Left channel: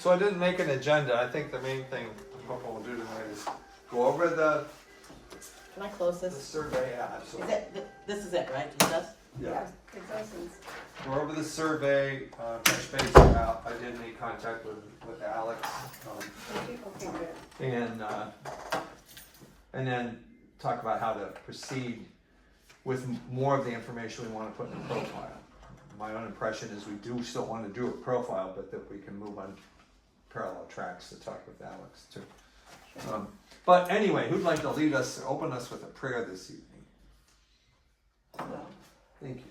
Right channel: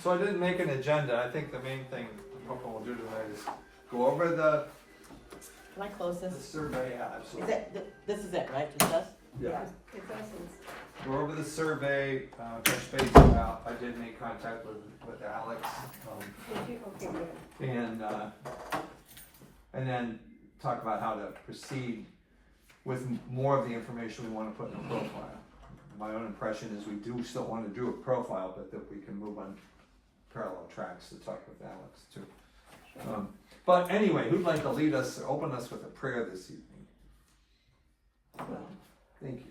So I didn't make an agenda. I think the main thing what we'll do tonight is go over the Can I close this? survey. Yeah, Is absolutely. it, this is it, right? Just us? Yeah. It doesn't. Go over the survey, touch base about, I did make contact with Alex, Okay, good. and then talk about how to proceed with more of the information we wanna put in the profile. My own impression is we do still wanna do a profile, but that we can move on parallel tracks to talk with Alex too. But anyway, who'd like to lead us, open us with a prayer this evening? Thank you.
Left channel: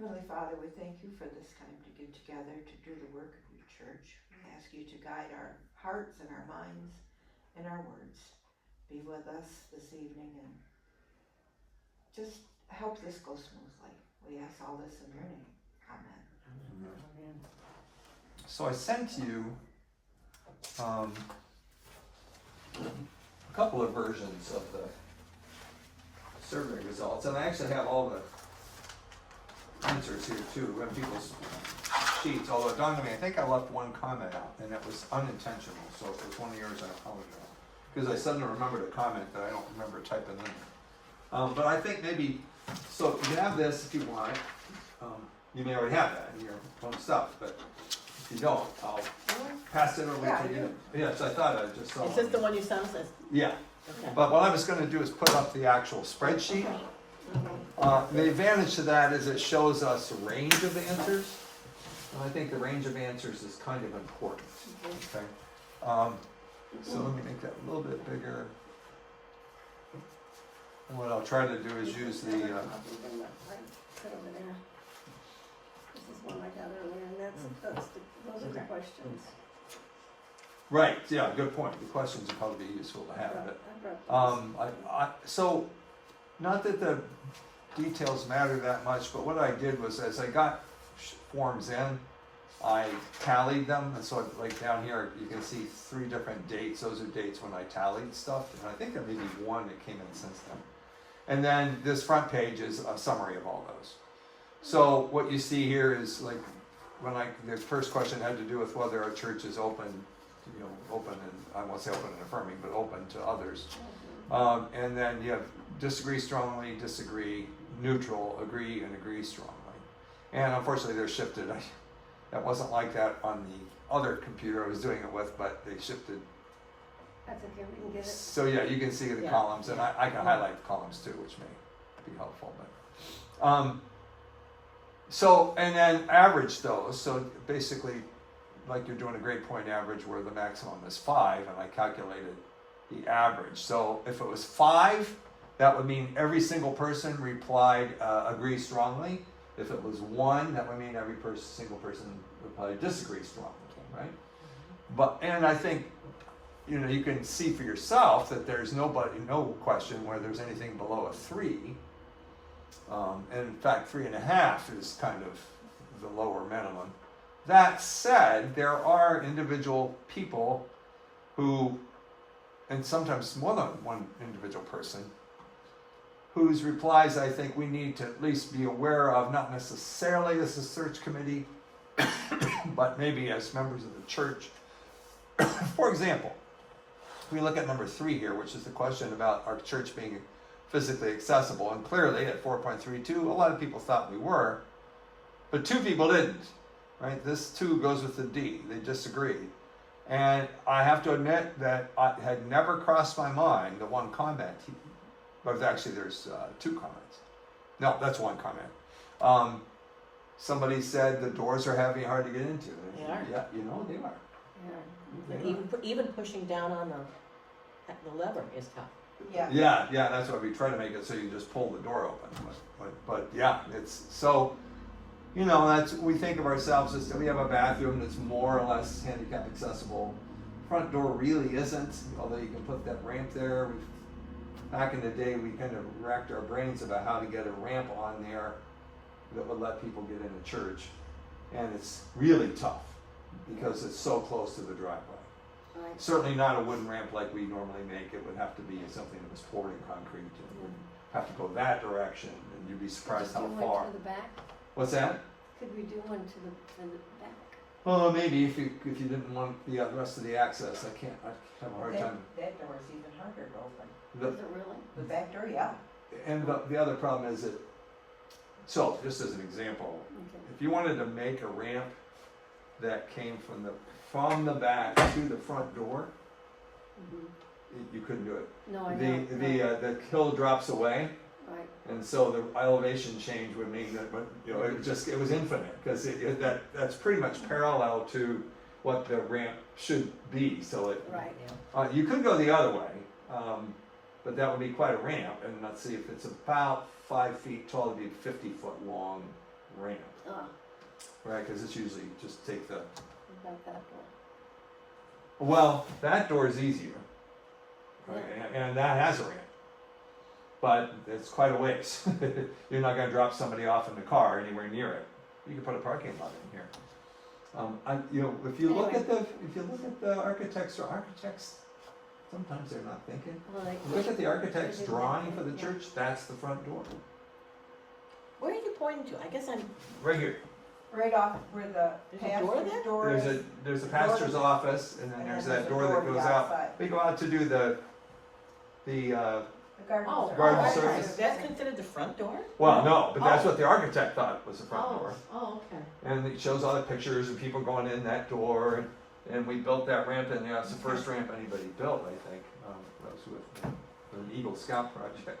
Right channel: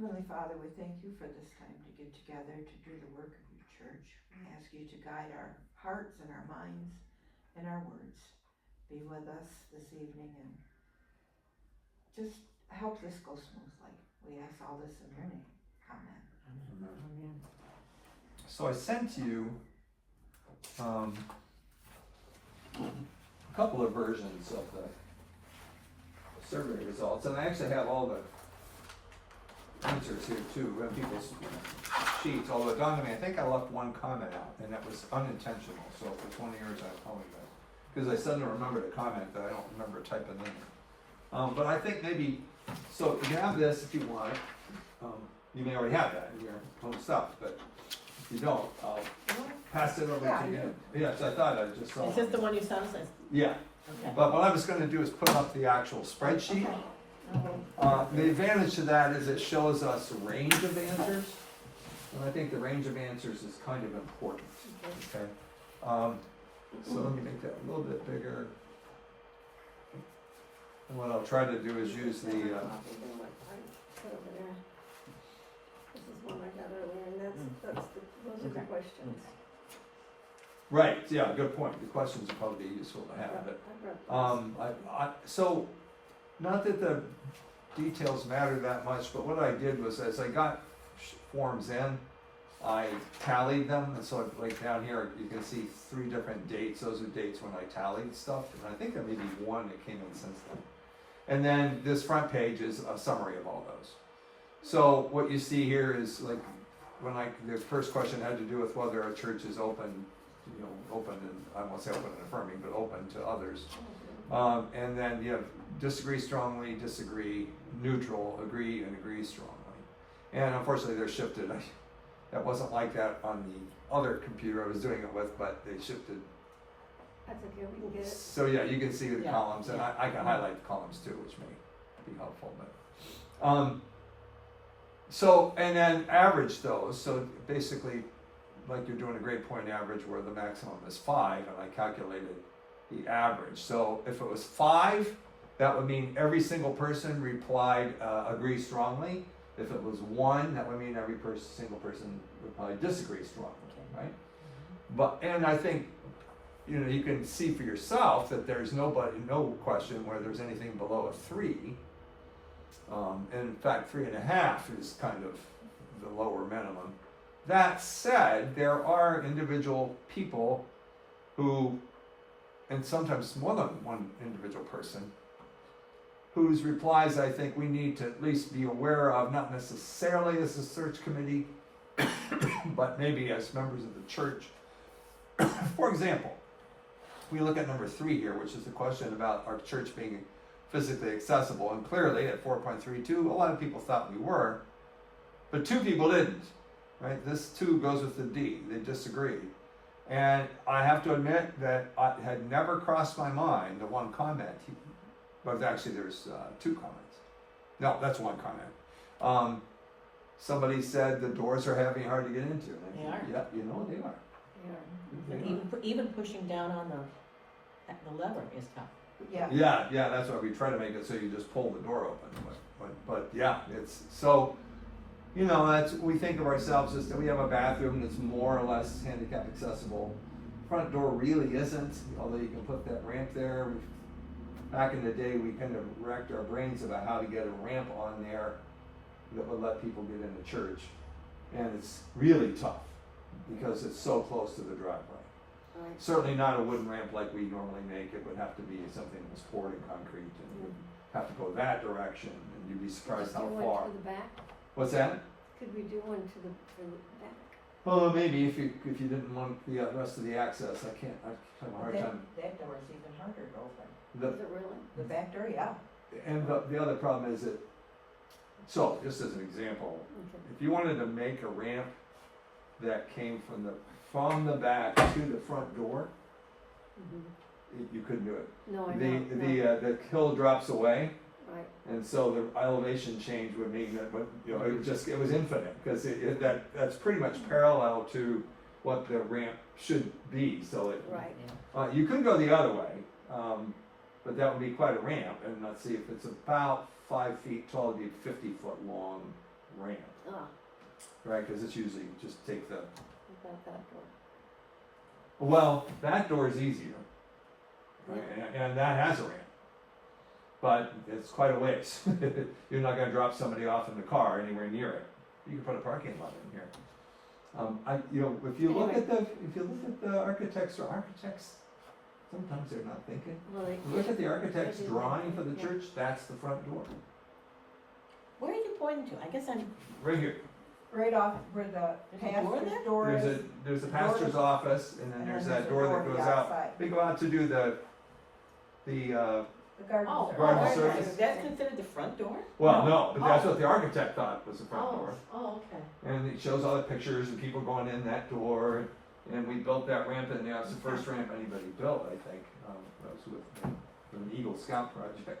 Heavenly Father, we thank you for this time to get together to do the work of your church. We ask you to guide our hearts and our minds and our words. Be with us this evening and just help this go smoothly. We ask all this in your name. Amen. So I sent you a couple of versions of the survey results, and I actually have all the answers here too, when people's sheets, although it dawned on me, I think I left one comment out, and that was unintentional, so if it's one of yours, I apologize. Because I suddenly remembered a comment that I don't remember typing in. But I think maybe, so you have this if you want it. You may already have that in your own stuff, but if you don't, I'll pass it over to you. Yes, I thought I just saw. Is this the one you sent us? Yeah, Okay. but what I was gonna do is put up the actual spreadsheet. The advantage to that is it shows us a range of answers, and I think the range of answers is kind of important, okay? So let me make that a little bit bigger. And what I'll try to do is use the, Put over there. This is one I got earlier, and those are the Okay. questions. right, yeah, good point, the questions would probably be useful to have, but I brought these. so, not that the details matter that much, but what I did was as I got forms in, I tallied them, and so like down here, you can see 3 different dates, those are dates when I tallied stuff, and I think there may be one that came in since then. And then this front page is a summary of all those. So what you see here is like, the first question had to do with whether our church is open, open and, I won't say open and affirming, but open to others. And then you have disagree strongly, disagree, neutral, agree, and agree strongly. And unfortunately, they're shifted. That wasn't like that on the other computer I was doing it with, but they shifted. That's okay, we can get it. So yeah, you can see the Yeah, columns, and yeah. I can highlight the columns too, which may be helpful. But so and then average those. So basically, like you're doing a grade point average where the maximum is 5, and I calculated the average. So if it was 5, that would mean every single person replied agree strongly. If it was 1, that would mean every single person replied disagree strongly, right? But and I think you can see for yourself that there's no question where there's anything below a 3. And in fact, 3.5 is kind of the lower minimum. That said, there are individual people who, and sometimes more than one individual person, whose replies I think we need to at least be aware of, not necessarily as a search committee, but maybe as members of the church. For example, we look at number 3 here, which is the question about our church being physically accessible, and clearly at 4.32, a lot of people thought we were, but 2 people didn't, right? This 2 goes with the D, they disagreed. And I have to admit that I had never crossed my mind, the one comment, but actually there's 2 comments. No, that's one comment. Somebody said the doors are heavy, hard to get into. They are. Yeah, they are. Yeah. And even pushing down on the lever is tough. Yeah. Yeah, that's why we try to make it so you just pull the door open. But yeah, it's so, that's, we think of ourselves as, we have a bathroom that's more or less handicap accessible. Front door really isn't, although you can put that ramp there. Back in the day, we kind of racked our brains about how to get a ramp on there that would let people get into church. And it's really tough because it's so close to the driveway. Right. Certainly not a wooden ramp like we normally make. It would have to be something that was poured in concrete, and you would have to go that direction, and you'd be surprised how Could we do far. one to the back? What's that? Could we do one to the back? Well, maybe if you didn't want the rest of the access, I have a hard time. That door is even harder to open. The, Is it really? The back door, yeah. and the other problem is that, so just as an example, Okay. if you wanted to make a ramp that came from the back to the front door, Mhm. you couldn't do it. No, I know. The hill drops away, Right, and so the elevation change would mean that, but it was infinite because that's pretty much parallel to what the ramp should be. So right. you could go the other way, but that would be quite a ramp. And let's see, if it's about 5 feet tall, it'd be a 50-foot long ramp, Ah, right? Because it's usually just take the about that door. well, that door is easier, right? And that has a ramp. But it's quite a ways. You're not going to drop somebody off in the car anywhere near it. You can put a parking lot in here. If you look at the architects, sometimes they're not thinking. Right. Look at the architect's drawing for the church. That's the front door, Where are you pointing to? I guess I'm, right here. Right off where the There's a door pastor's there? door is. There's a Door pastor's to- office, and then and there's then that door that to goes the out. outside. They go out to do the The garden oh, service. Garden right, service. right. That's considered the front door? well, no, but that's what the architect thought was the front Oh, door. oh, okay. And it shows all the pictures and people going in that door, and we built that ramp, and that's the first ramp anybody built, I think. That was with the Eagle Scout project.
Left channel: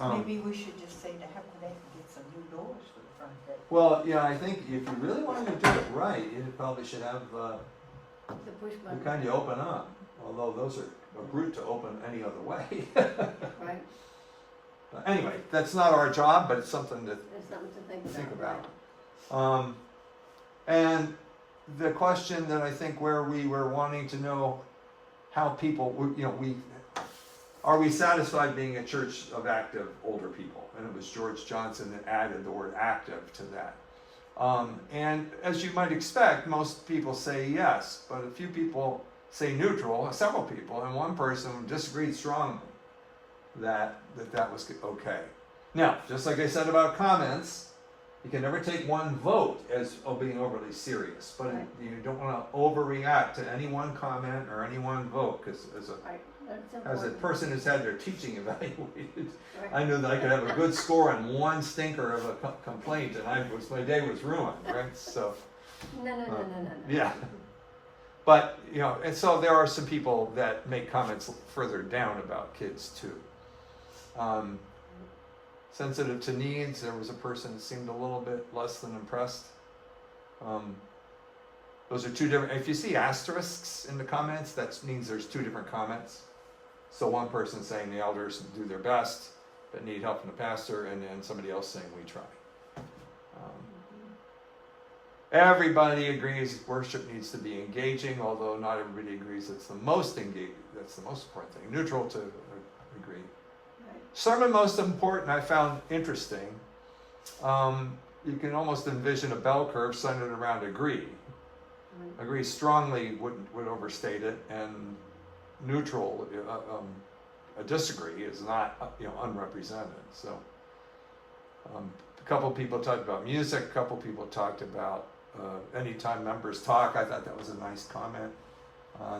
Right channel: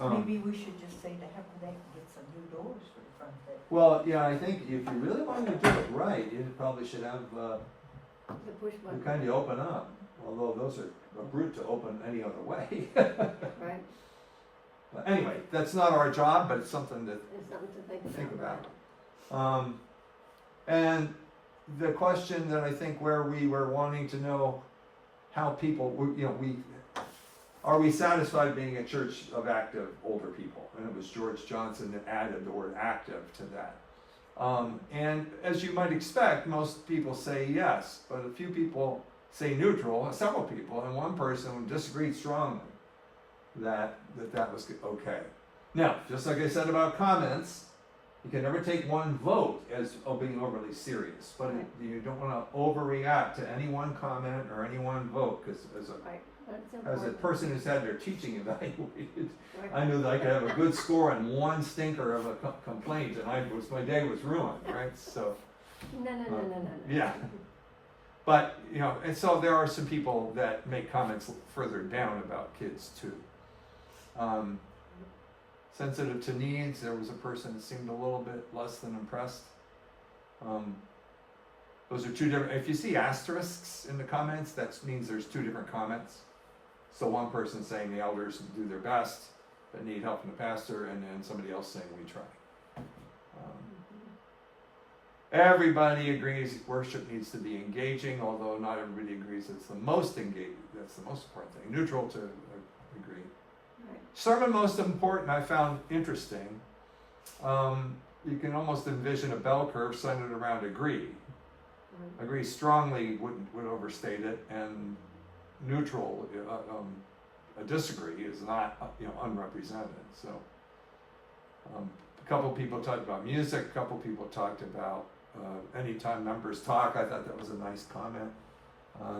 Maybe we should just say to have they get some new doors for the front of it. Well, yeah, I think if you really wanted to do it right, you probably should have The push the button. kind you open up, although those are a brute to open any other way. Right, Anyway, that's not our job, but it's something that there's something to think about. Think about. right. And the question that I think where we were wanting to know how people, are we satisfied being a church of active older people? And it was George Johnson that added the word active to that. And as you might expect, most people say yes, but a few people say neutral, several people, and one person disagreed strongly that was okay. Now, just like I said about comments, you can never take one vote as being overly serious, but Right. you don't want to overreact to any one comment or any one vote, because Right, that's as a important. person who's had their teaching evaluated, Right. I knew that I could have a good score on one stinker of a complaint, and my day was ruined, right? So, No. yeah. But, and so there are some people that make comments further down about kids too. Sensitive to needs, there was a person that seemed a little bit less than impressed. Those are two different, if you see asterisks in the comments, that means there's two different comments. So one person saying the elders do their best, but need help from the pastor, and then somebody else saying we try. Everybody agrees worship needs to be engaging, although not everybody agrees it's the most engaging, that's the most important thing. Neutral to agree. Right. Sermon most important I found interesting. You can almost envision a bell curve centered around agree. Agree strongly would overstate it, and neutral, a disagree is not unrepresented. So a couple people talked about music, a couple people talked about anytime members talk. I thought that was a nice comment.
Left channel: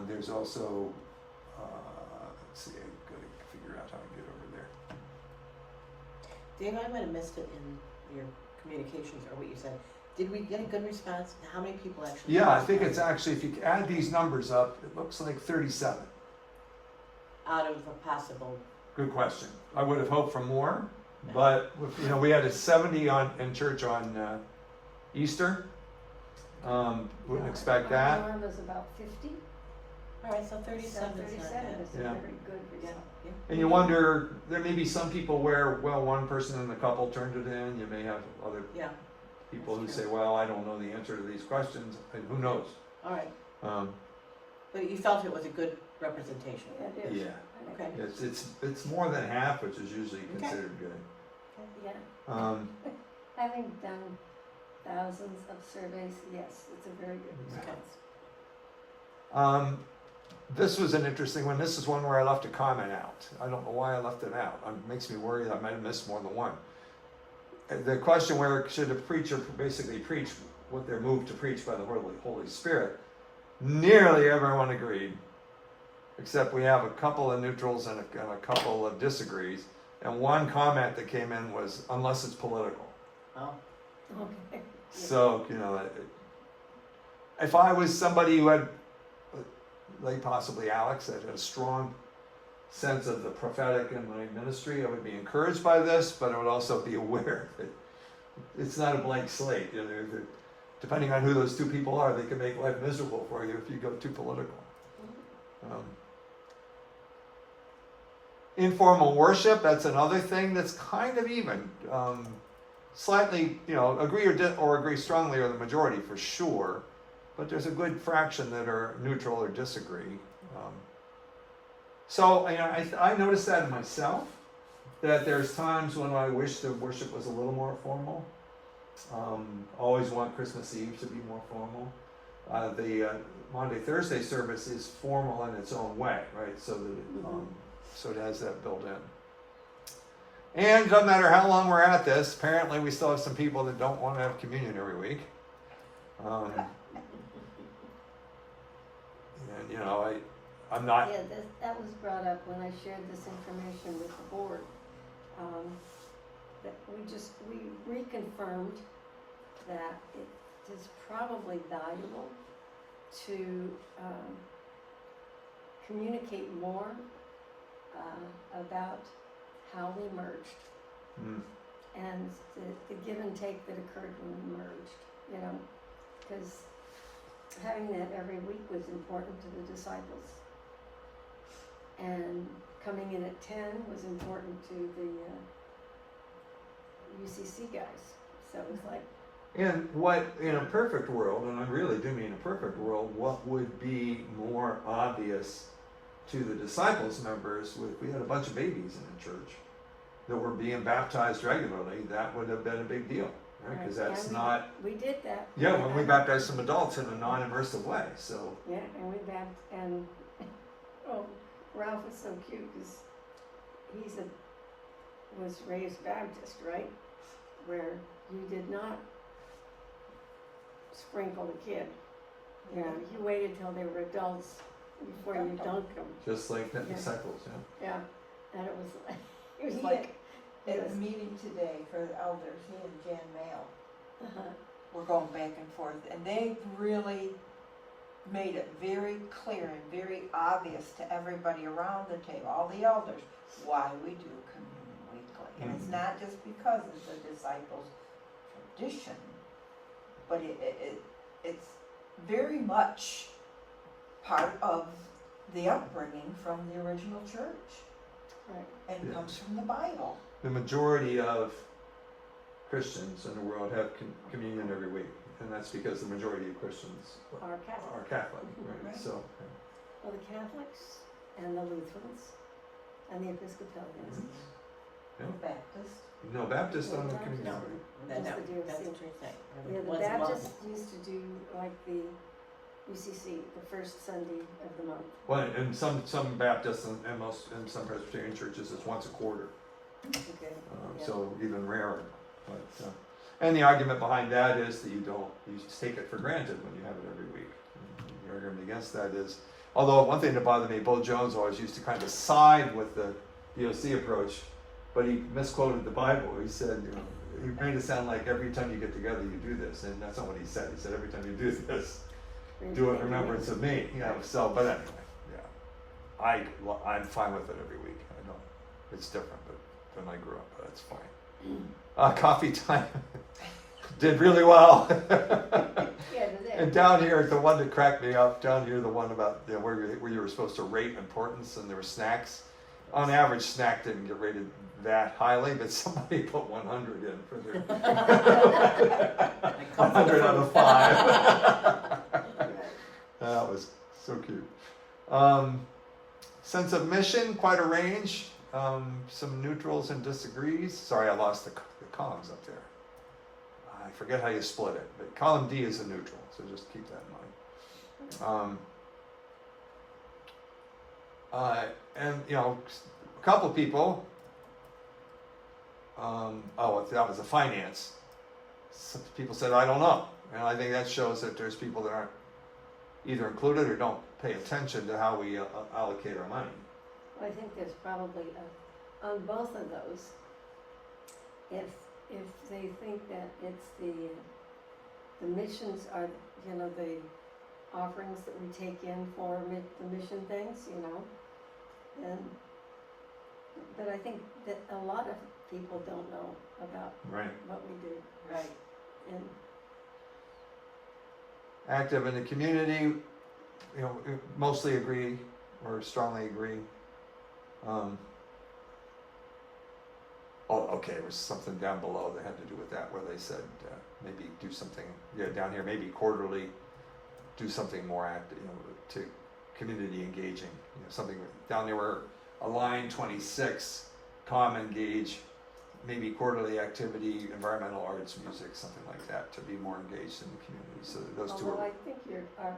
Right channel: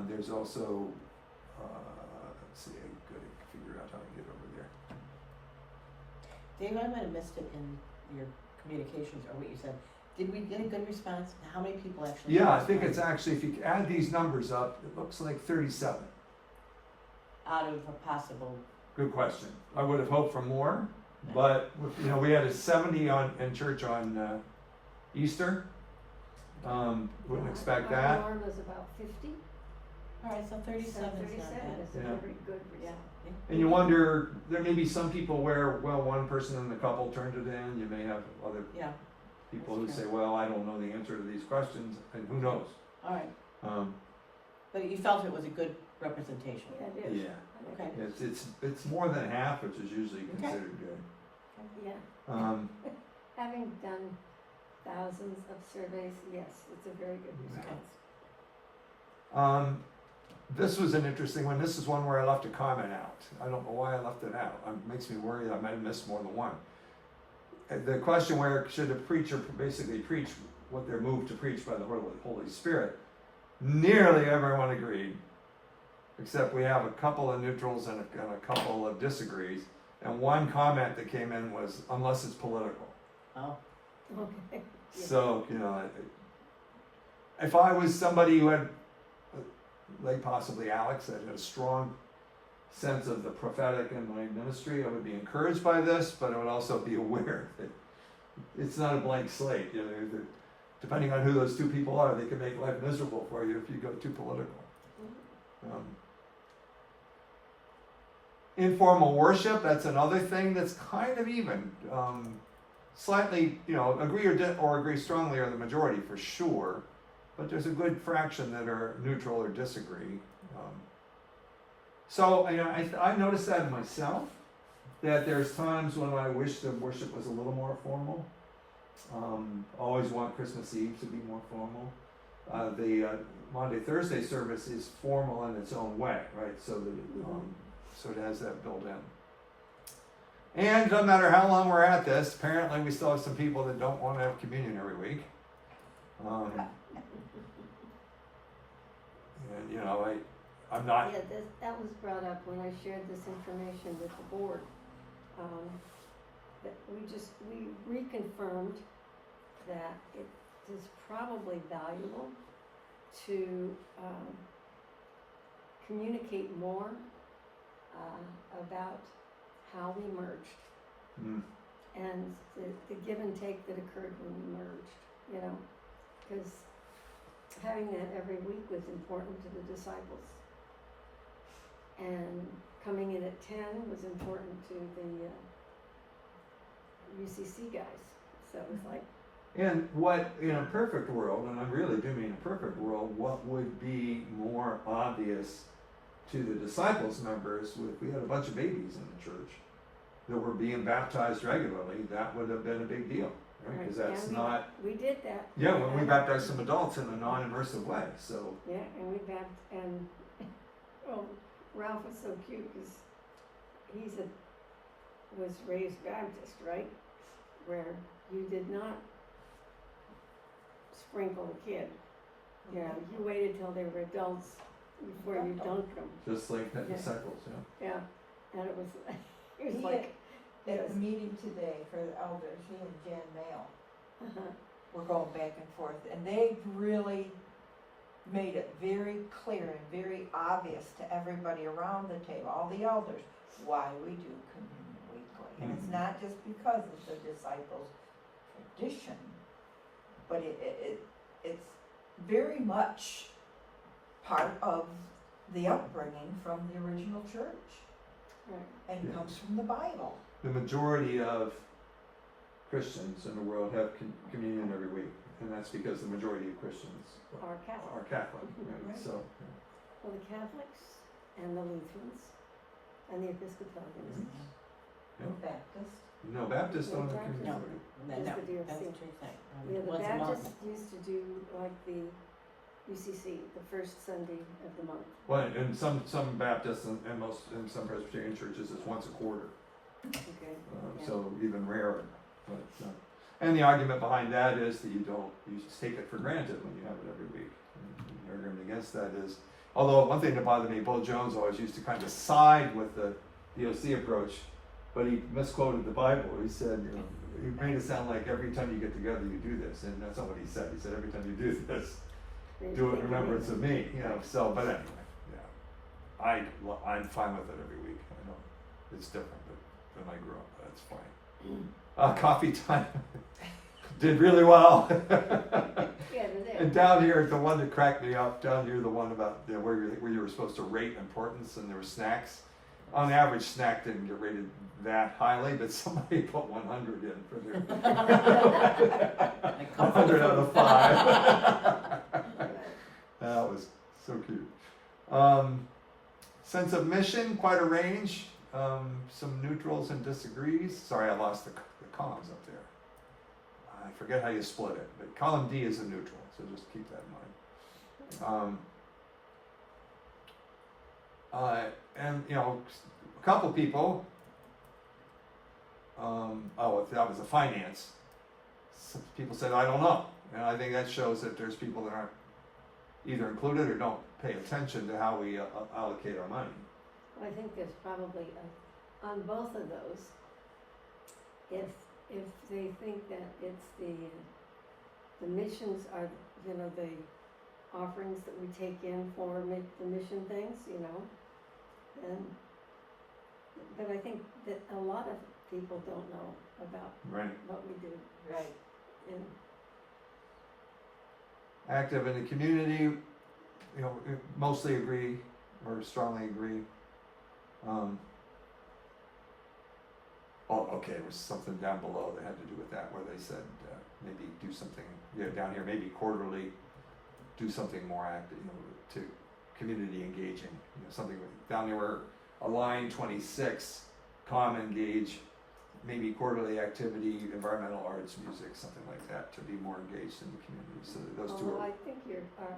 There's also let's see, I gotta figure out how to get over there. Dave, I might have missed it in your communications or what you said. Did we get a good response? How many people actually? Yeah, I think it's actually, if you add these numbers up, it looks like 37. Out of a possible, Good question. I would have hoped for more, but we had a 70 in church on Easter. Wouldn't expect Our that. norm was about 50. alright, so 37 is not 37 bad. is a Yeah. very good result. Yeah. And you wonder, there may be some people where, one person in the couple turned it in. You may have other Yeah, people who That's say, well, I don't know the answer to these questions, and who knows? alright. Um, But you felt it was a good representation? That is. yeah, I Okay. think it's more than half, which is usually Okay. considered good. Yeah, having done thousands of surveys, yes, it's a very good response. This was an interesting one. This is one where I left a comment out. I don't know why I left it out. It makes me worry that I might have missed more than one. The question where should a preacher basically preach what they're moved to preach by the Holy Spirit. Nearly everyone agreed, except we have a couple of neutrals and a couple of disagrees. And one comment that came in was, unless it's political. Oh, Okay. So, if I was somebody who had, like possibly Alex, that had a strong sense of the prophetic in my ministry, I would be encouraged by this, but I would also be aware that it's not a blank slate. That depending on who those two people are, they can make life miserable for you if you go too political. Informal worship, that's another thing that's kind of even. Slightly, agree or agree strongly are the majority for sure, but there's a good fraction that are neutral or disagree. So I noticed that in myself, that there's times when I wish the worship was a little more formal. Always want Christmas Eve to be more formal. The Maundy Thursday service is formal in its own way, right? So so it has that built in. And no matter how long we're at this, apparently we still have some people that don't want to have communion every week. And I'm not. Yeah, that was brought up when I shared this information with the board. That we reconfirmed that it is probably valuable to communicate more about how we merged and the give and take that occurred when we merged, because having that every week was important to the disciples. And coming in at 10 was important to the UCC guys. So it was like. And what, in a perfect world, and I really do mean a perfect world, what would be more obvious to the disciples members if we had a bunch of babies in the church that were being baptized regularly, that would have been a big deal, right? Because that's not. We did that. Yeah, when we baptized some adults in a non-immersive way, so. Yeah, and we baptized, Ralph was so cute because was raised Baptist, right? Where you did not sprinkle the kid. You waited till they were adults before you dunked them. Just like the Yeah. disciples, Yeah, and it was like. At the meeting today for the elders, he and Jan Mail were going back and forth, and they really made it very clear and very obvious to everybody around the table, all the elders, why we do communion weekly. And it's not just because of the disciples' tradition, but it's very much part of the upbringing from the original church. Right. And Yeah. comes from the Bible. The majority of Christians in the world have communion every week, and that's because the majority of Christians Our Catholic. are Catholic, right? Right. So, Well, the Catholics and the Lutherans and the Episcopalians. Yeah. Baptist. no, Baptists don't have communion. No. every week. no, Just the DOC. that's what you're saying. Yeah, the Once a month. Baptists used to do like the UCC, the first Sunday of the month. Well, in some Baptists and in some Presbyterian churches, it's once a quarter. Okay. Yeah. So even rarer. But, and the argument behind that is that you just take it for granted when you have it every week. And the argument against that is, although one thing that bothered me, Bill Jones always used to kind of side with the DOC approach, but he misquoted the Bible. He said, he made it sound like every time you get together you do this, and that's not what he said. He said every time you do this, do it in remembrance of me. So, but anyway, yeah, I'm fine with it every week. I know it's different, but when I grew up, that's fine. Coffee time did really well. Yeah, And down here, the one that cracked me up, down here, the one about where you were supposed to rate importance, and there were snacks. On average, snack didn't get rated that highly, but somebody put 100 in for their 100 out of 5. That was so cute. Sense of mission, quite a range. Some neutrals and disagrees. Sorry, I lost the columns up there. I forget how you split it, but column D is a neutral, so just keep that in mind. And a couple people. That was a finance. Some people said, I don't know. And I think that shows that there's people that aren't either included or don't pay attention to how we allocate our money. I think there's probably on both of those, if they think that it's the missions are, you know, the offerings that we take in for the mission things, you know, and, but I think that a lot of people don't know about Right. what we do, Right. and Active in the community, you know, mostly agree or strongly agree. Oh, okay, there was something down below that had to do with that, where they said, maybe do something, down here, maybe quarterly, do something more active, to community engaging, something down there where a line 26, engage, maybe quarterly activity, environmental arts, music, something like that, to be more engaged in the community, so those two although are, I think our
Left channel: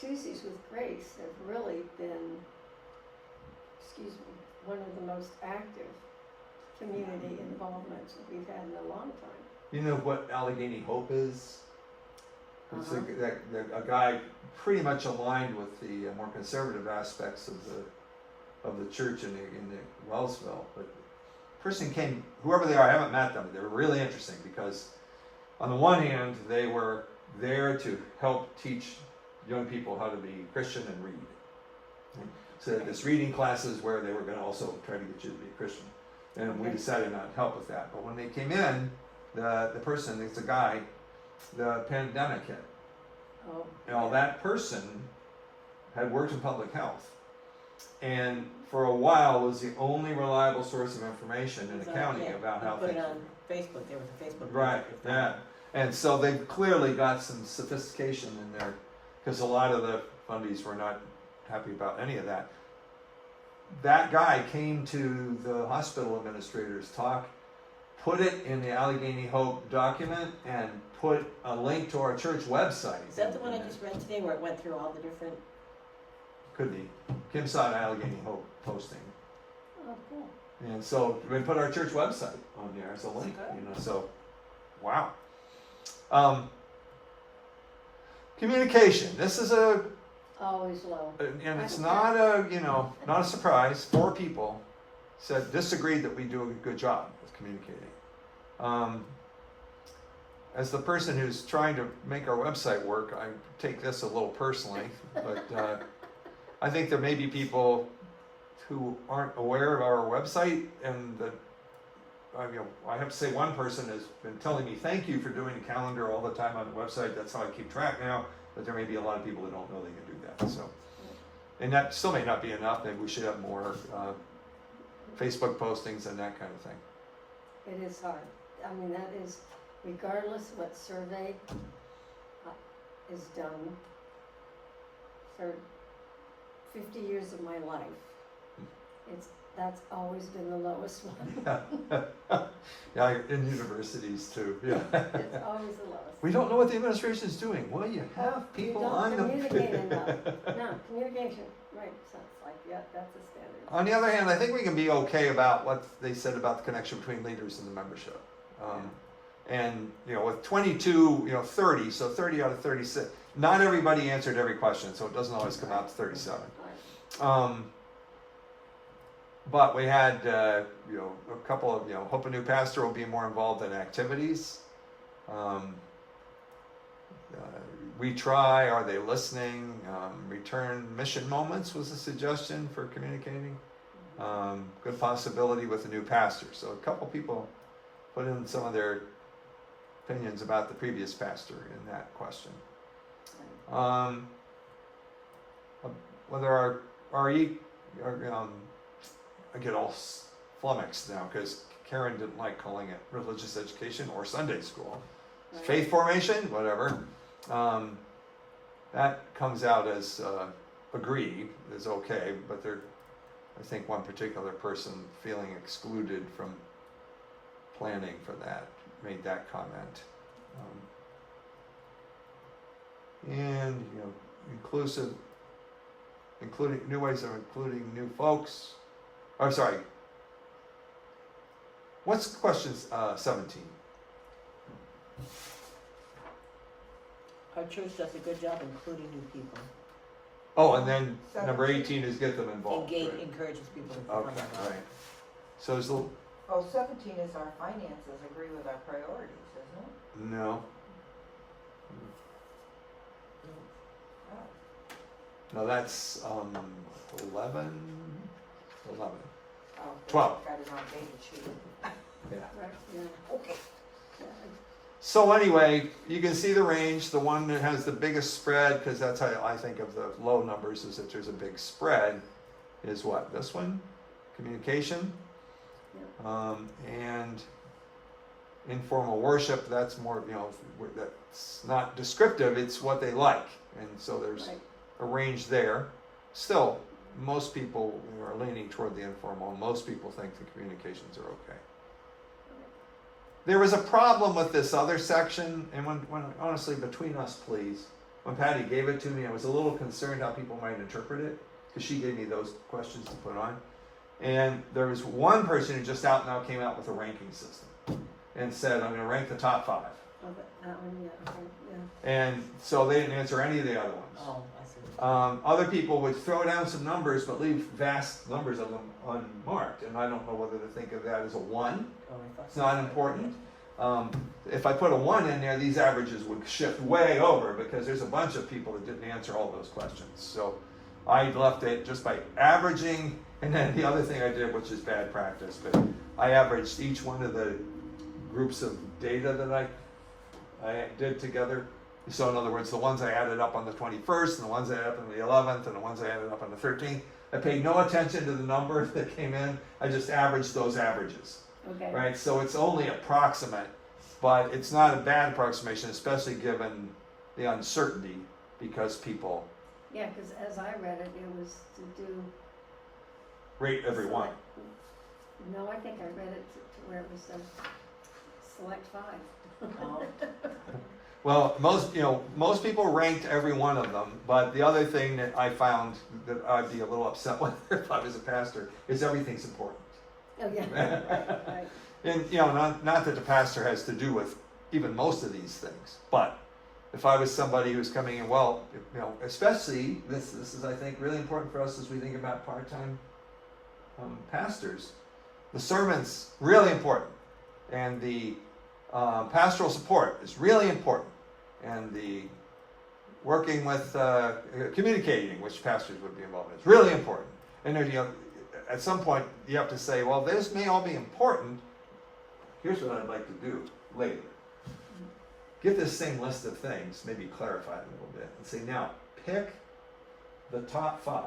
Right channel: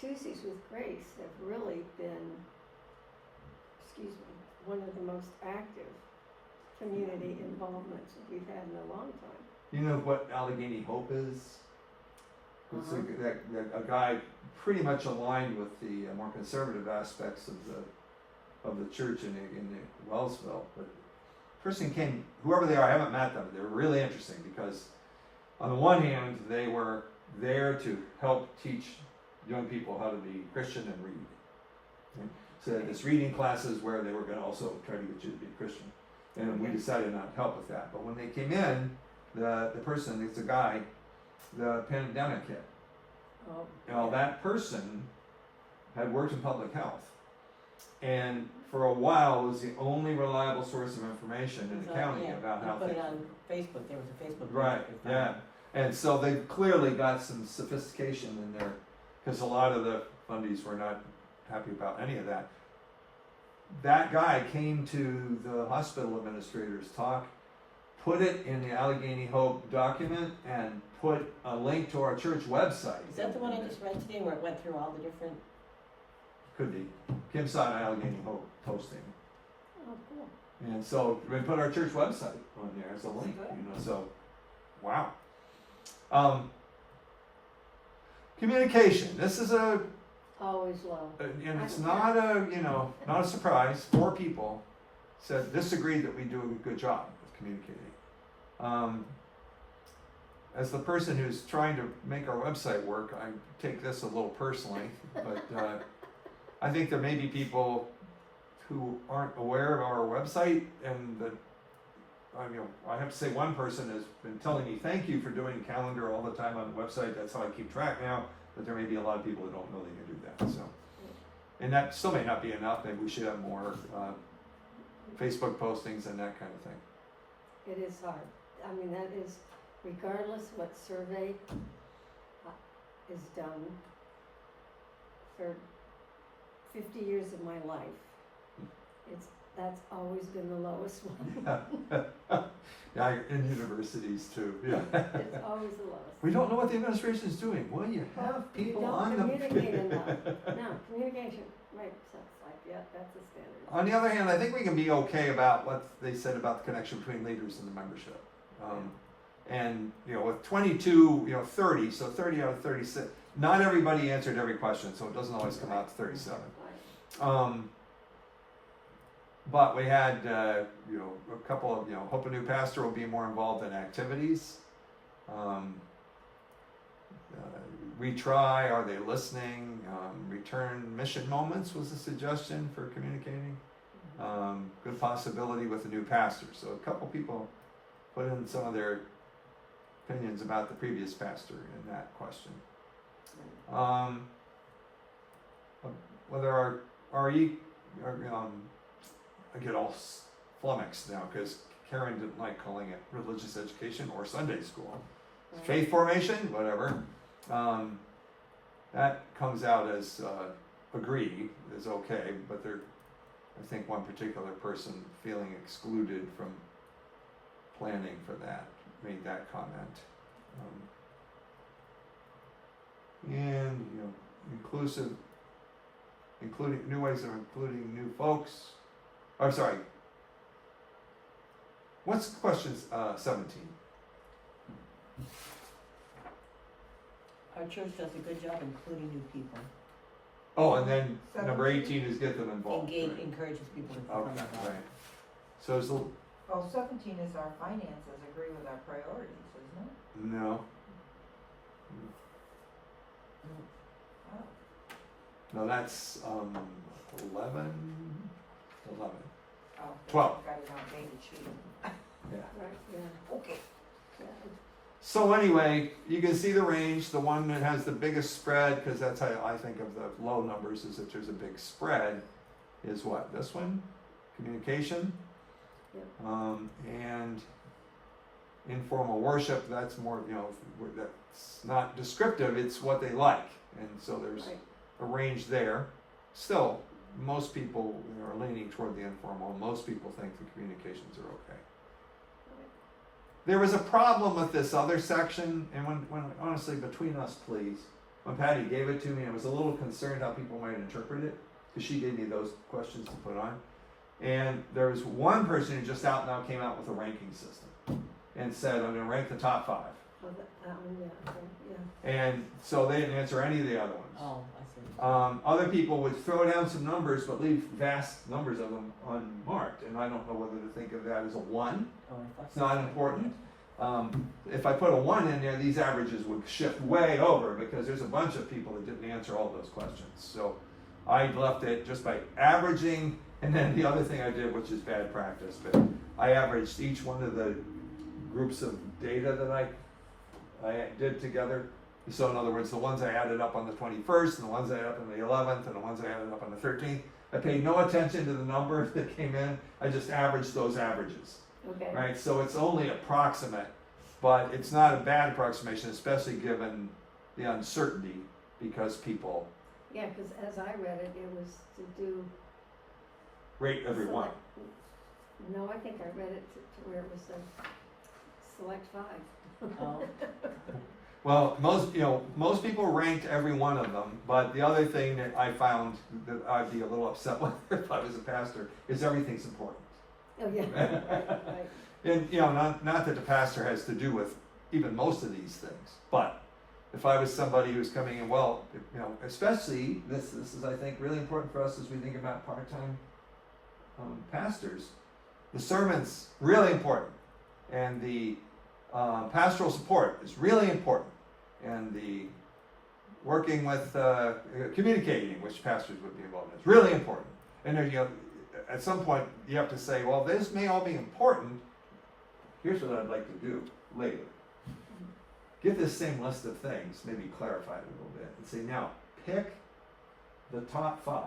Tuesdays with Grace have really been, one of the most active community involvements we've had in a long time. you know what Allegheny Hope is? It's a guy pretty much aligned with the more conservative aspects of the church in the Wellsville. But person came, whoever they are, I haven't met them. They're really interesting because, on the one hand, they were there to help teach young people how to be Christian and read. So they had this reading classes where they were going to also try to get you to be a Christian, and we decided not to help with that. But when they came in, the person, it's a guy, the pandemic hit. Oh, Now that person had worked in public health, and for a while was the only reliable source of information in the county about how Put things. it on Facebook, there was a Facebook group. Right, yeah, and so they clearly got some sophistication in there, because a lot of the fundies were not happy about any of that. That guy came to the hospital administrators talk, put it in the Allegheny Hope document, and put a link to our church website. Is that the one I just read today where it went through all the different? Could be. Kim saw an Allegheny Hope posting. oh, cool. And so we put our church website on there as a link, Good. so, wow. Communication, this is Always low. and it's not not a surprise. 4 people disagreed that we do a good job of communicating. As the person who's trying to make our website work, I take this a little personally, but I think there may be people who aren't aware of our website, and I have to say one person has been telling me thank you for doing a calendar all the time on the website. That's how I keep track now. But there may be a lot of people who don't know they can do that. So, and that still may not be enough. Maybe we should have more Facebook postings and that kind of thing. It is hard. I mean, that is, regardless what survey is done, for 50 years of my life, that's always been the lowest one. Yeah, in universities too. Yeah. It's always the lowest. We don't know what the administration is doing. Well, you have people You on don't them. communicate enough. No, communication, right, so it's like, yeah, that's a standard. On the other hand, I think we can be okay about what they said about the connection between leaders and the membership. And with 22, 30, so 30 out of 36. Not everybody answered every question, so it doesn't always come out to 37. Right. But we had, a couple of, hope a new pastor will be more involved in activities. We try, are they listening? Return mission moments was a suggestion for communicating. Good possibility with a new pastor. So a couple people put in some of their opinions about the previous pastor in that question. Whether our I get all flummoxed now because Karen didn't like calling it religious education or Sunday school. Right. Faith formation, whatever. That comes out as agree is okay, but I think one particular person feeling excluded from planning for that made that comment. And including new ways of including new folks. I'm sorry. What's question 17? Our church does a good job including new people. Oh, and then number 18 is get them involved. Engage, encourages people to become Okay, involved. right. So there's a little, Oh, 17 is our finances agree with our priorities, isn't it? no, Oh. no, that's 11. Oh, 12. Got it on dated sheet. Yeah. Right, yeah. Okay. Yeah. So anyway, you can see the range. The one that has the biggest spread, because that's how I think of the low numbers, is that there's a big spread, is what? This one? Communication. And informal worship, that's more, that's not descriptive, it's what they like. And so there's Right. a range there. Still, most people are leaning toward the informal. Most people think the communications are okay. There was a problem with this other section, and when honestly, between us, please, when Patty gave it to me, I was a little concerned how people might interpret it, because she gave me those questions to put on. And there was one person who just out and out came out with a ranking system and said, I'm going to rank the top 5. Oh, that one, yeah, okay, yeah. And so they didn't answer any of the other ones. Oh, I see. Other people would throw down some numbers but leave vast numbers of them unmarked. And I don't know whether to think of that as a 1. Oh, I thought It's not important. If I put a 1 in there, these averages would shift way over because there's a bunch of people that didn't answer all those questions. So I left it just by averaging. And then the other thing I did, which is bad practice, but I averaged each one of the groups of data that I did together. So in other words, the ones I added up on the 21st, and the ones I added up on the 11th, and the ones I added up on the 13th, I paid no attention to the number that came in. I just averaged those averages, Okay. right? So it's only approximate, but it's not a bad approximation, especially given the uncertainty, because people Yeah, because as I read it, it was to do. rate every one. No, I think I read it to where it was select 5. Oh, Well, most people ranked every one of them, but the other thing that I found that I'd be a little upset with if I was a pastor is everything's important. Oh, yeah, right. And, not that the pastor has to do with even most of these things, but if I was somebody who's coming in, especially, this is, I think, really important for us as we think about part-time pastors. The sermon's really important, and the pastoral support is really important, and the working with communicating, which pastors would be involved in, is really important. And then, at some point you have to say, well, this may all be important. Here's what I'd like to do later. Get this same list of things, maybe clarify it a little bit, and say, now pick the top 5,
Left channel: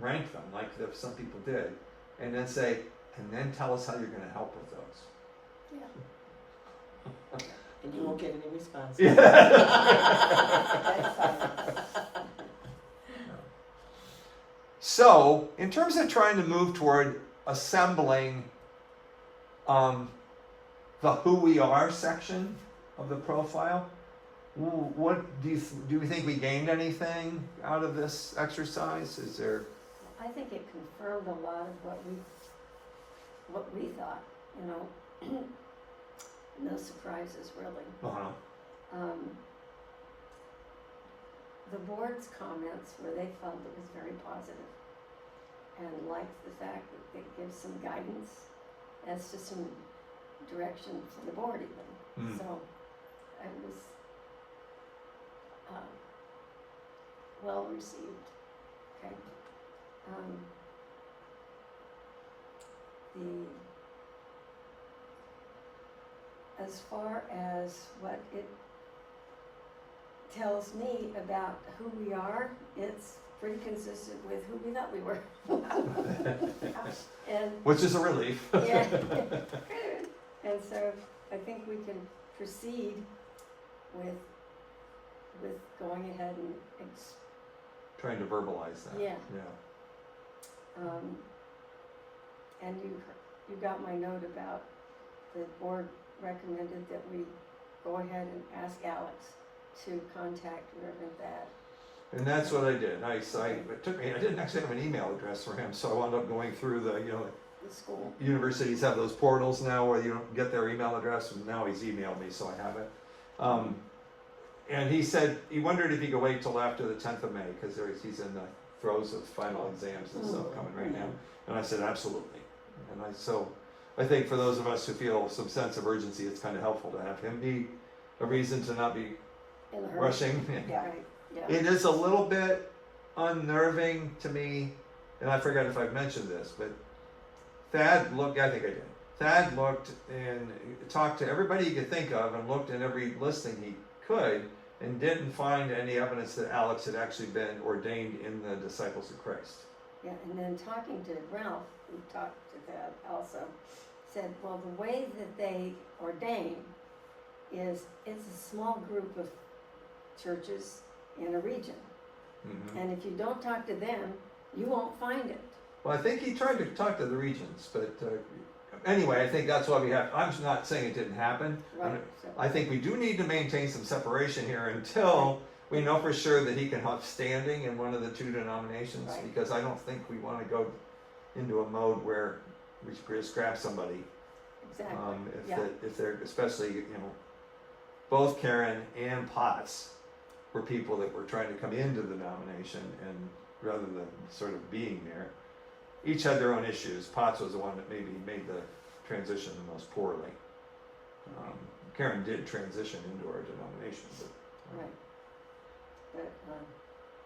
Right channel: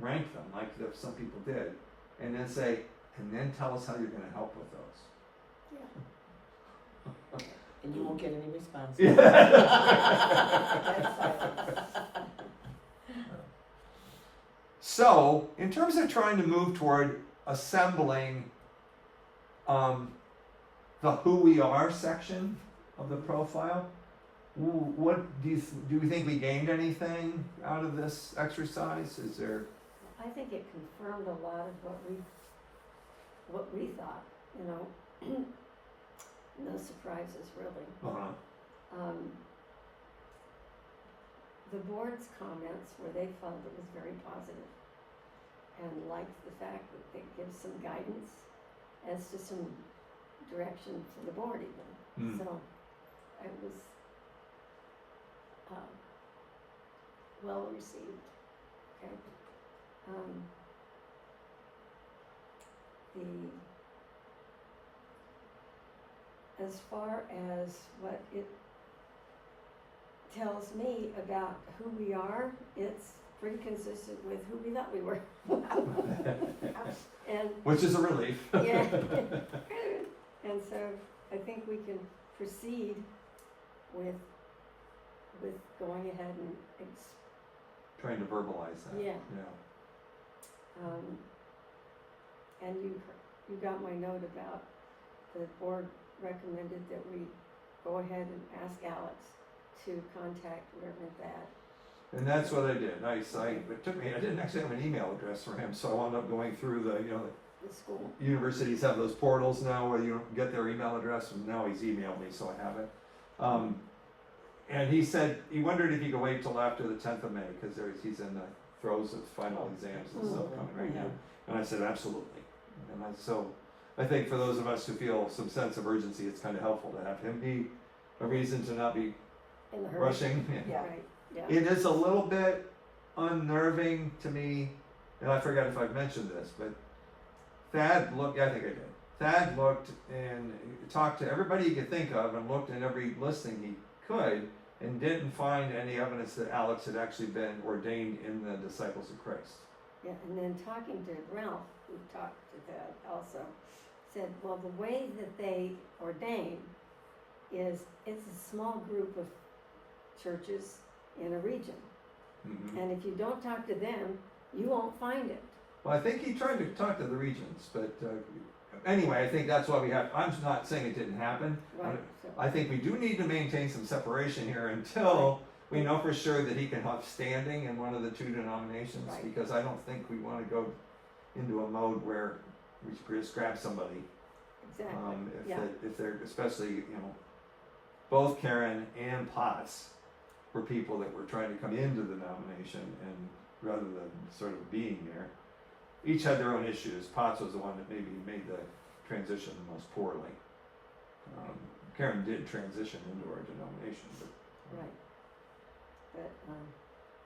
rank them like some people did, and then say, and then tell us how you're going to help with those. and you won't get any response. So, in terms of trying to move toward assembling the who we are section of the profile, what do you think we gained anything out of this exercise? Is there? I think it confirmed a lot of what we thought, no surprises really. The board's comments where they felt it was very positive and liked the fact that it gives some guidance as to some direction to the board even. So it was well received. Okay. As far as what it tells me about who we are, it's pretty consistent with who we thought we were. And Which is a relief. yeah. And so I think we can proceed with going ahead and Trying to verbalize that. Yeah. And you got my note about the board recommended that we go ahead and ask Alex to contact Reverend Thad. And that's what I did. It took me. I didn't actually have an email address for him, so I wound up going through the The school. universities have those portals now where you get their email address, and now he's emailed me, so I have it. and he said, he wondered if he could wait till after the 10th of May, because he's in the throes of final exams and stuff coming right now. And I said, absolutely. And so I think for those of us who feel some sense of urgency, it's kind of helpful to have him be a reason to not be In a hurry. rushing. Yeah. Right, yeah. It is a little bit unnerving to me, and I forgot if I've mentioned this, but Thad looked, I think I did. Thad looked and talked to everybody he could think of and looked at every listing he could and didn't find any evidence that Alex had actually been ordained in the Disciples of Christ. Yeah, and then talking to Ralph, who talked to that also, said, well, the way that they ordain is, it's a small group of churches in a region. Mm-hmm. And if you don't talk to them, you won't find it. Well, I think he tried to talk to the regions, but anyway, I think that's why we have, I'm not saying it didn't happen. Right. So, I think we do need to maintain some separation here until we know for sure that he can have standing in one of the two denominations, Right. because I don't think we want to go into a mode where we just grab somebody. exactly, If yeah. if they're, especially, both Karen and Potts were people that were trying to come into the denomination, and rather than sort of being there, each had their own issues. Potts was the one that maybe made the transition the most poorly. Karen did transition into our denomination, but. Right. But,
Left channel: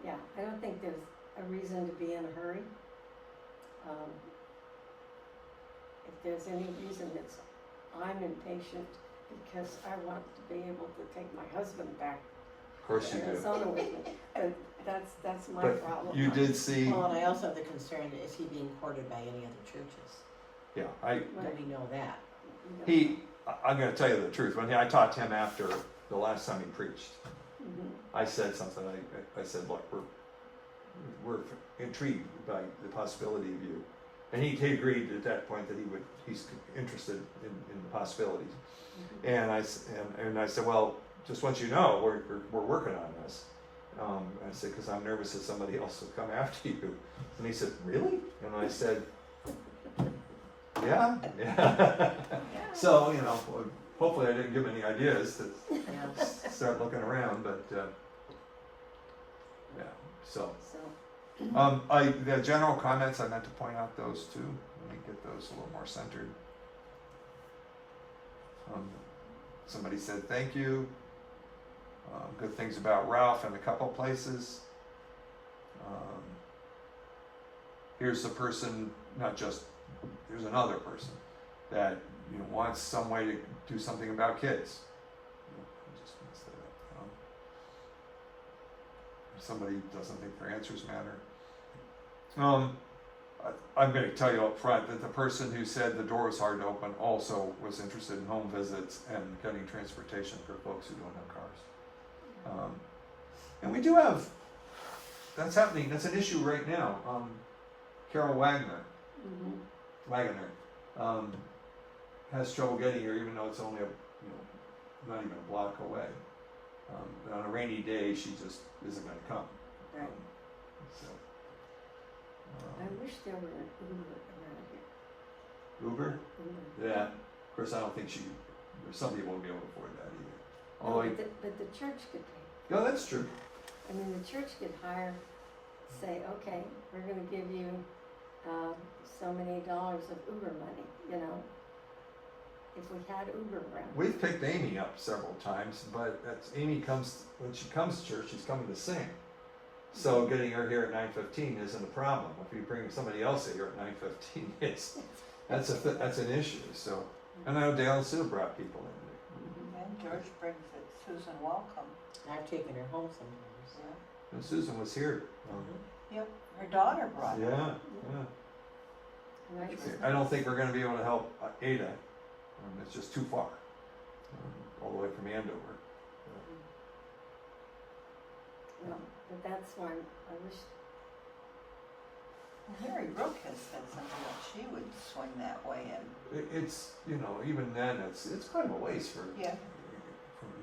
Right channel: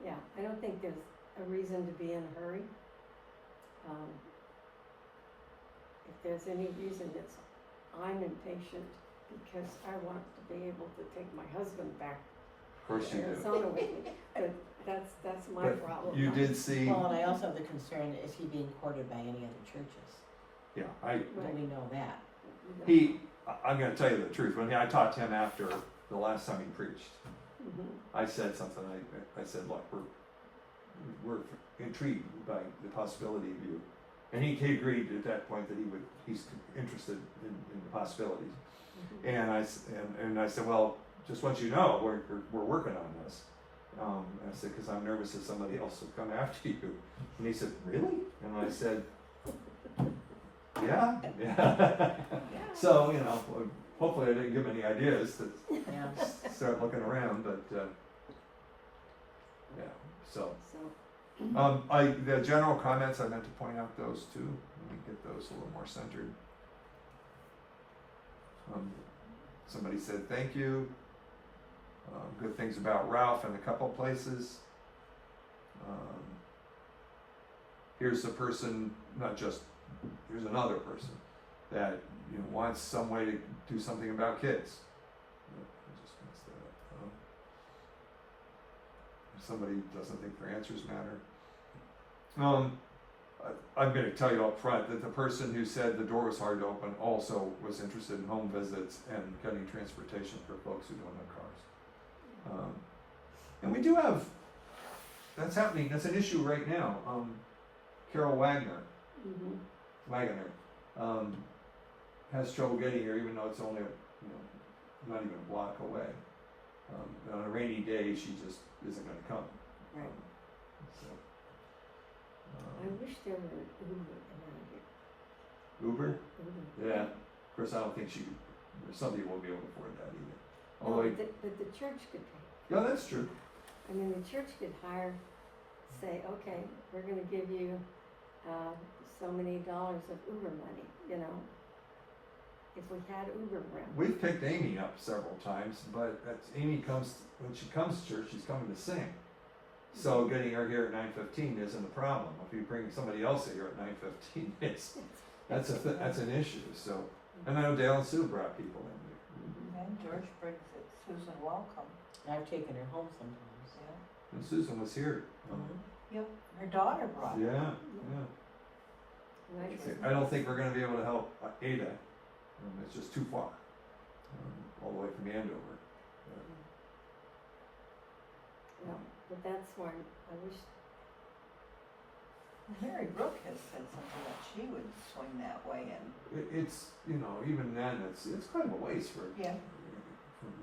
yeah, I don't think there's a reason to be in a hurry. If there's any reason, it's, I'm impatient because I want to be able to take my husband back Of course to you do. Arizona with me, but that's my But problem. you did see, Well, and I also have the concern, is he being courted by any other churches? yeah, Right. Do we know that? I'm gonna tell you the truth, when I talked to him after the last time he preached, Mhm. I said something, I said, look, we're intrigued by the possibility of you. And he agreed at that point that he's interested in the possibilities. Mhm. And I said, well, just want you to know, we're working on this. And I said, because I'm nervous that somebody else will come after you. And he said, really? And I said, yeah. So, hopefully I didn't give him any ideas to Yeah. start looking around, but, yeah, so. So, The general comments, I meant to point out those too. Let me get those a little more centered. Somebody said thank you. Good things about Ralph in a couple places. Here's a person, here's another person that wants some way to do something about kids. I just messed that up. Somebody doesn't think their answers matter. I'm going to tell you up front that the person who said the door was hard to open also was interested in home visits and getting transportation for folks who don't have cars. And we do have, that's happening, that's an issue right now. Carol Wagner has trouble getting here, even though it's only not even a block away. On a rainy day, she just isn't going to come. right. So, I wish there were an Uber around here. Uber? Uber. Yeah. Of course, I don't think some people won't be able to afford that either. No, Although, but the church could pay. yeah, that's true. I mean, the church could say, okay, we're gonna give you, so many dollars of Uber money, if we had Uber around. We've picked Amy up several times, but when she comes to church, she's coming to sing. So getting her here at 9:15 isn't a problem. If you bring somebody else here at 9:15, that's an issue. So, and I know Dale and Sue brought people in. And George brings it, Susan Welcome. I've taken her home sometimes. Yeah. And Susan was here. Yep, her daughter brought it. Yeah. Right. I don't think we're going to be able to help Ada. It's just too far, all the way from Andover. No, but that's why I wish, Mary Brooke has said something that she would swing that way and, It's even then it's kind of a ways for yeah.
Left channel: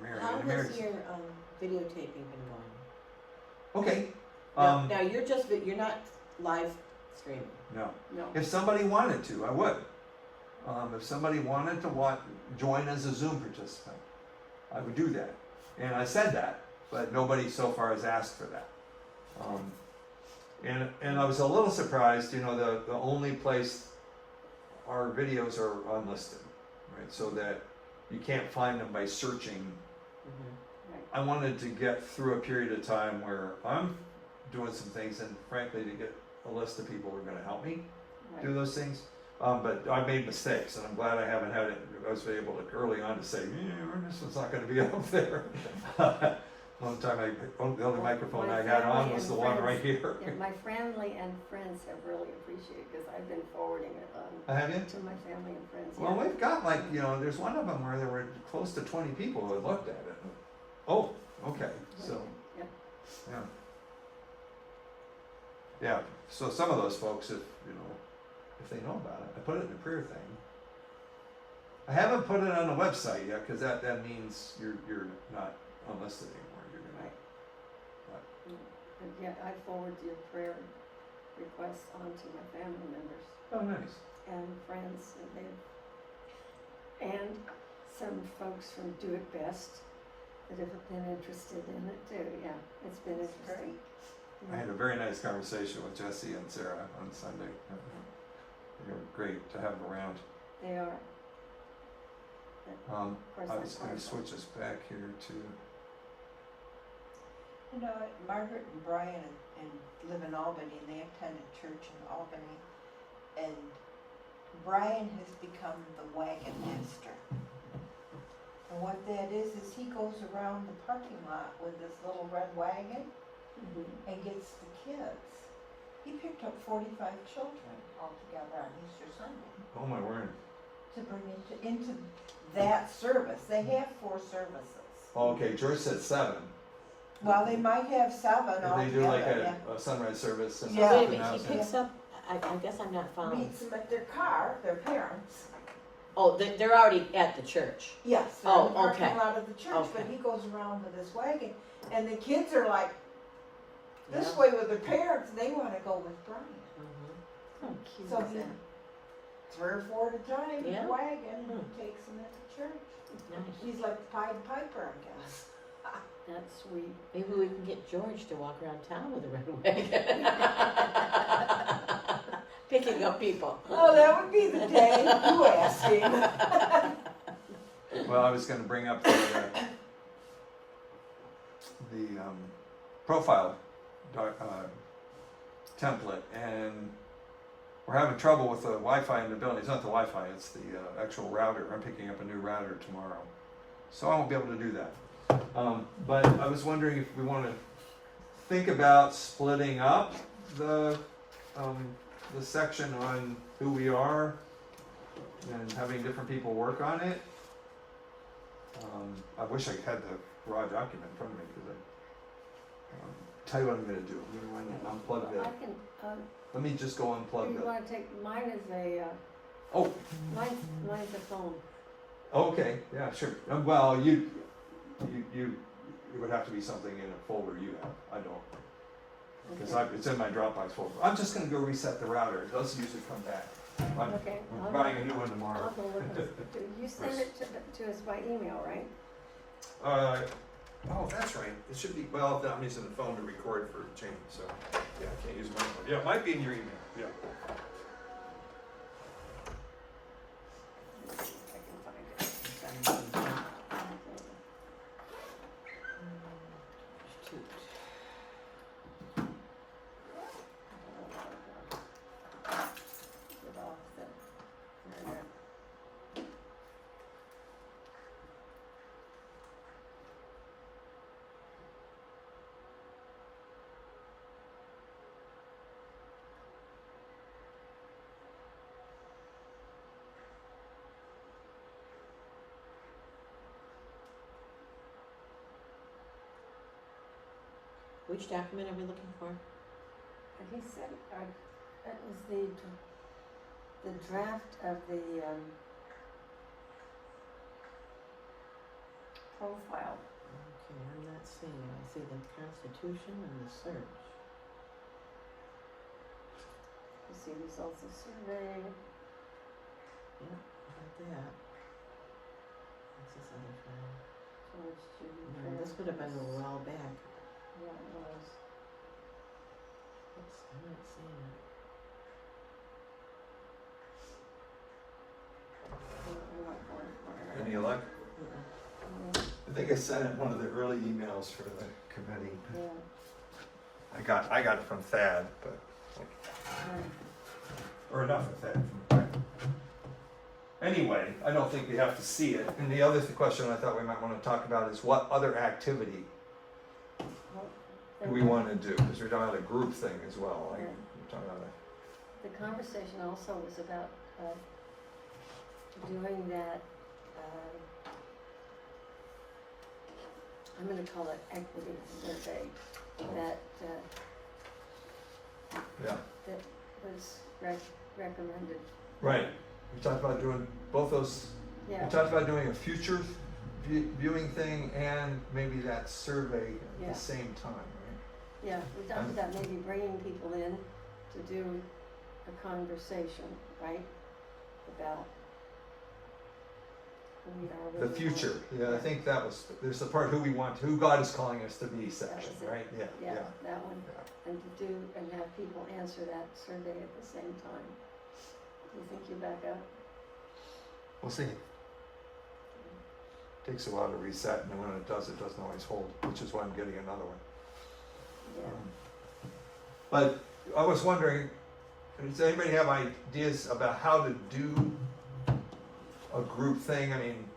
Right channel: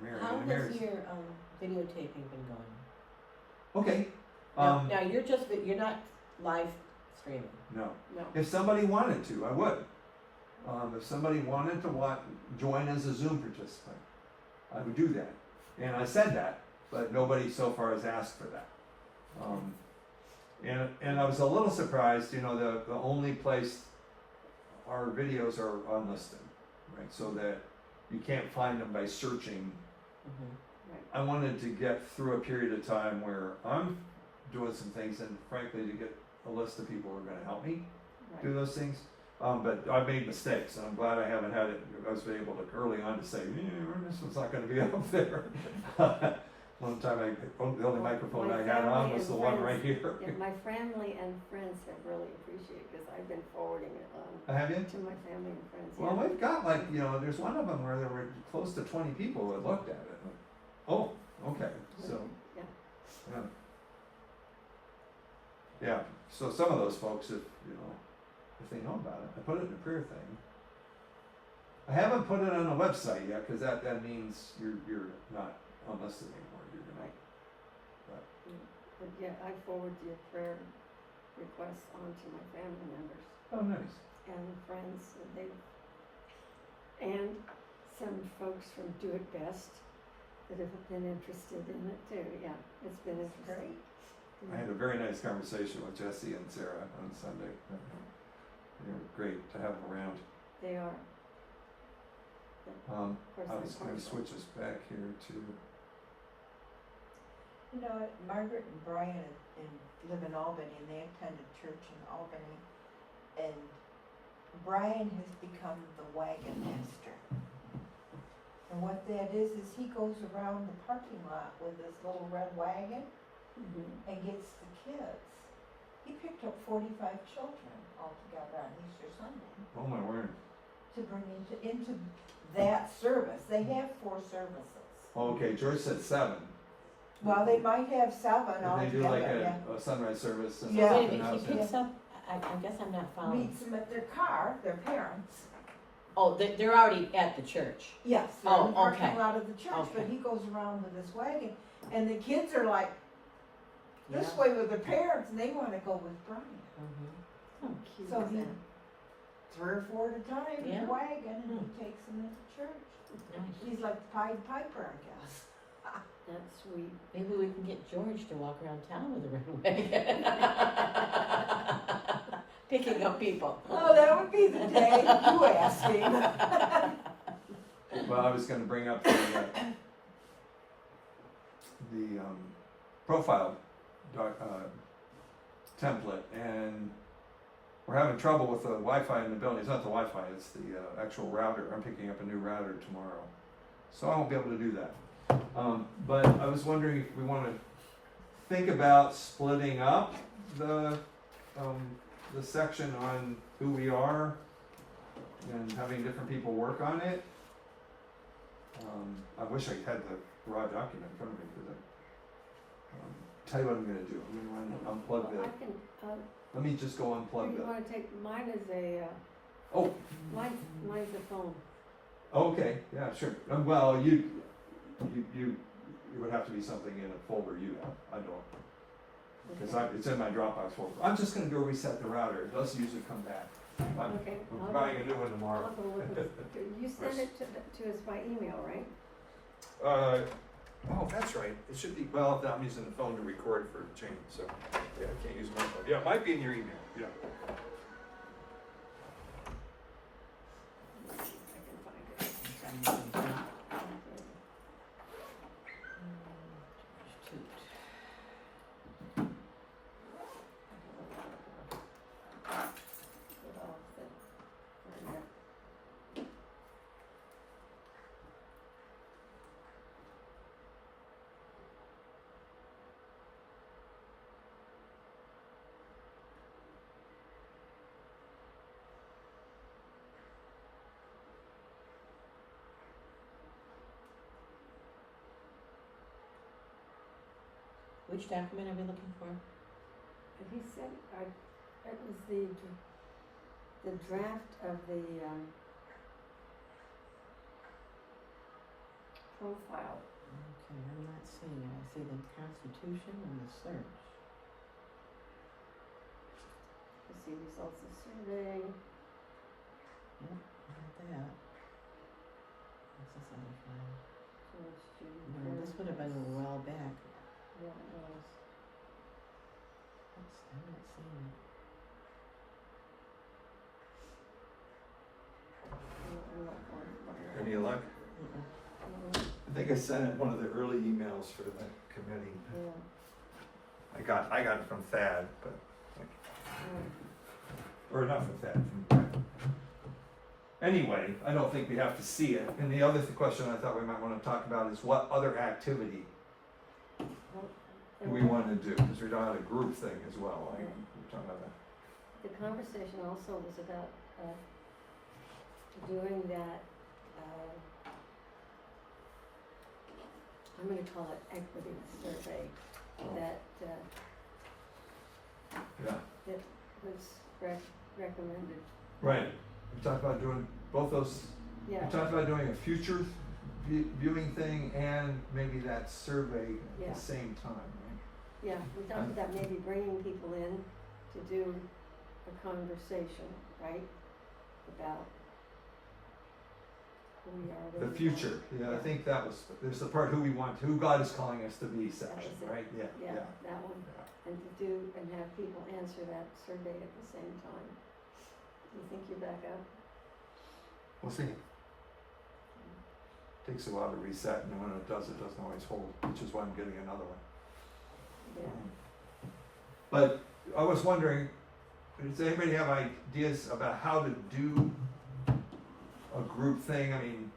Mary. How and has Mary's- your videotaping been going? Okay. Now you're not live streaming. No. no, If somebody wanted to, I would. If somebody wanted to join as a Zoom participant, I would do that. And I said that, but nobody so far has asked for that. And I was a little surprised, you know, the only place our videos are unlisted, right? So that you can't find them by searching. Mhm. I wanted to get through a period of time where I'm doing some things, and frankly, to get a list of people who are gonna help me do Right. those things. But I've made mistakes, and I'm glad I haven't had it. I was able to early on to say, this one's not going to be up there. One time, the other microphone My I had on family was the and one friends- right here. Yeah, my family and friends have really appreciated, because I've been forwarding it on Have you? to my family and friends. Well, yeah. we've got like, you know, there's one of them where there were close to 20 people who had looked at it. Oh, okay, so, Yeah. yeah. Yeah, so some of those folks, if, you know, if they know about it, I put it in the career thing. I haven't put it on the website yet, cause that means you're not unlisted anymore, you're Right. not. And yeah, I forward your prayer requests on to my family members Oh, nice. and friends, and some folks from Do It Best that have been interested in it too, yeah, it's been interesting. I had a very nice conversation with Jesse and Sarah on Sunday. They were great to have them around. They are, of course, I they're was part gonna of it. switch us back here to, You know, Margaret and Brian live in Albany, and they attended church in Albany, and Brian has become the wagon master. And what that is he goes around the parking lot with his little red wagon Mhm. and gets the kids. He picked up 45 children altogether on Easter Sunday oh my word. to bring into that service. They have 4 services. Oh, okay, George said 7. Well, they might have 7 If they altogether, do like yeah. a sunrise service. And Yeah. Wait a something minute, else, he picks up, I guess I'm not following. Meets them at their car, their parents. Oh, they're already at the church. Yes, they're in the Oh, parking okay. lot of the church, but Okay. he goes around with his wagon, and the kids are like this Yeah. way with their parents, and they wanna go with Brian. Mhm. How cute So is he, that? 3 or 4 at a time in Yeah. the wagon, and Hmm. he takes them into church. Nice. He's like the Pied Piper, I guess. That's sweet. Maybe we can get George to walk around town with a red wagon. Picking up people. Oh, that would be the day you asked him. Well, I was gonna bring up the profile template, and we're having trouble with the Wi-Fi in the building. It's not the Wi-Fi, it's the actual router. I'm picking up a new router tomorrow, so I won't be able to do that. But I was wondering if we want to think about splitting up the section on who we are and having different people work on it. I wish I had the raw document from me, because tell you what I'm gonna do. I'm gonna unplug Well, that. I can, Let me just go unplug you that. wanna take, mine is a, Oh, mine's a phone. okay, yeah, sure. Well, you it would have to be something in a folder you have. I don't, because Okay. it's in my Dropbox folder. I'm just gonna go reset the router. It doesn't usually come back. Okay, We're buying a new one I'll tomorrow. go look at, you send it to us by email, right? Oh, that's right. It should be, well, I'm using the phone to record for change, so, yeah, I can't use my phone. Yeah, it might be in your email, yeah. Let's see if I can find it. Okay. Shoot. It all fit. There we go. Which document are we looking for? And he said, that was the draft of the, profile. Okay, I'm not seeing it. I see the Constitution and the search. You see results of survey. Yeah, I got that. What's this other file? George Judy No, Fair. this would have been a while back. Yeah, it was. Oops, I'm not seeing it. I'm not going for it. Any luck? Mm-mm. I think I sent it one of the early emails for the committee. Yeah. I got it from Thad, but, Um, or not from Thad, from Brett. Anyway, I don't think we have to see it. And the other question I thought we might wanna talk about is what other activity do we wanna do? Cause we're talking about a group thing as well, like, Yeah. we're talking about The conversation also was about, doing that, I'm gonna call it equity survey, that, yeah. that was recommended. Right, we talked about doing both those, we Yeah, talked about doing a future viewing thing and maybe that survey at Yeah. the same time, right? yeah, we talked about maybe bringing people in to do a conversation, right? About who we are, what we The want. future, yeah, I Yeah. think that was, there's the part who we want, who God is calling us to be section, was it. right? Yeah, Yeah, yeah. that one, Yeah. and to do, and have people answer that survey at the same time. Do you think you're back up? We'll see. Takes a while to reset, and then when it doesn't always hold, which is why I'm getting another one. Yeah. But I was wondering, does anybody have ideas about how to do a group thing? I mean,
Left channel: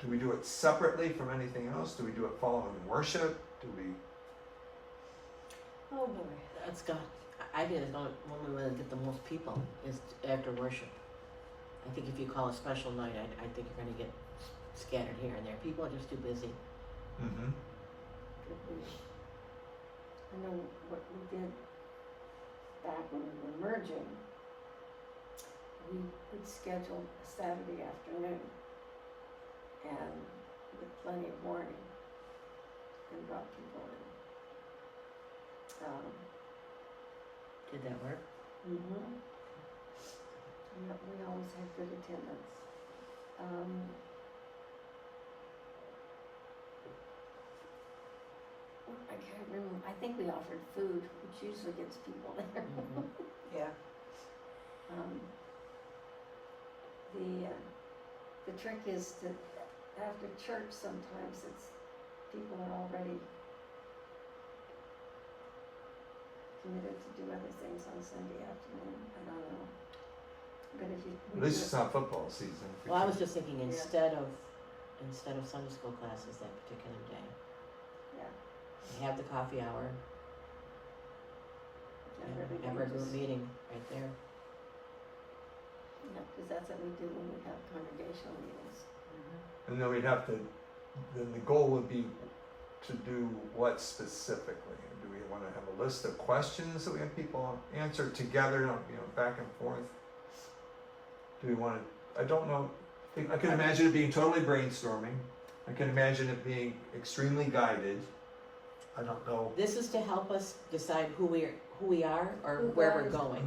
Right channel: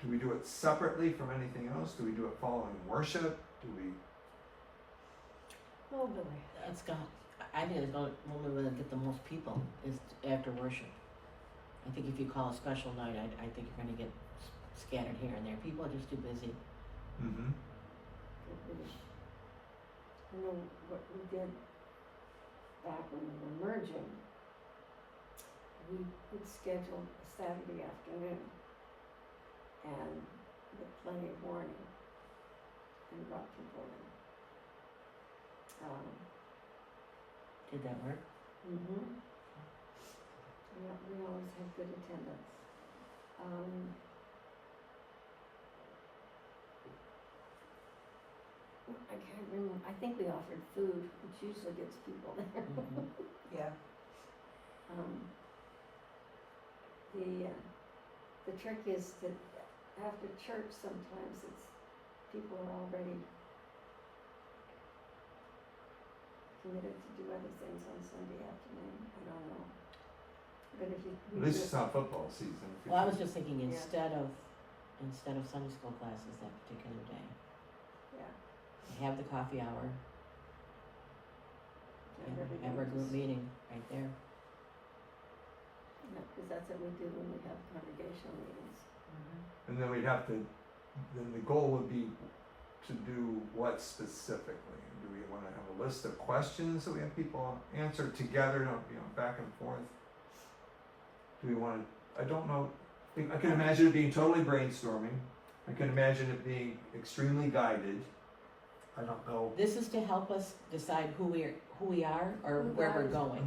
do we do it separately from anything else? Do we do it following worship? Do we? Oh boy, it's got, I think it's going, when we wanna get the most people is after worship. I think if you call a special night, I think you're gonna get scattered here and there. People are just too busy. Mm-hmm. Could be. You know, what we did back when we were merging, we would schedule a Saturday afternoon and with plenty of warning and brought people in. Did that work? Mm-hmm. Yeah, we always had good attendance. I can't remember, I think we offered food, which usually gets people there. Mhm. Yeah. The trick is that after church, sometimes people are already committed to do other things on Sunday afternoon, I don't know. But if you. we This do is it- not football season. if we Well, I can- was just thinking Yeah. instead of Sunday school classes that particular day, Yeah. you have the coffee hour, and and everybody have our group just- meeting right there. Yeah, cause that's what we do when we have congregational meetings. And then we'd have to, then the goal would be to do what specifically? Do we wanna have a list of questions that we have people answer together, you know, back and forth? Do we wanna, I don't know, I can imagine it being totally brainstorming, I can imagine it being extremely guided. I don't know This is to help us decide who we are or Who where God we're is. going,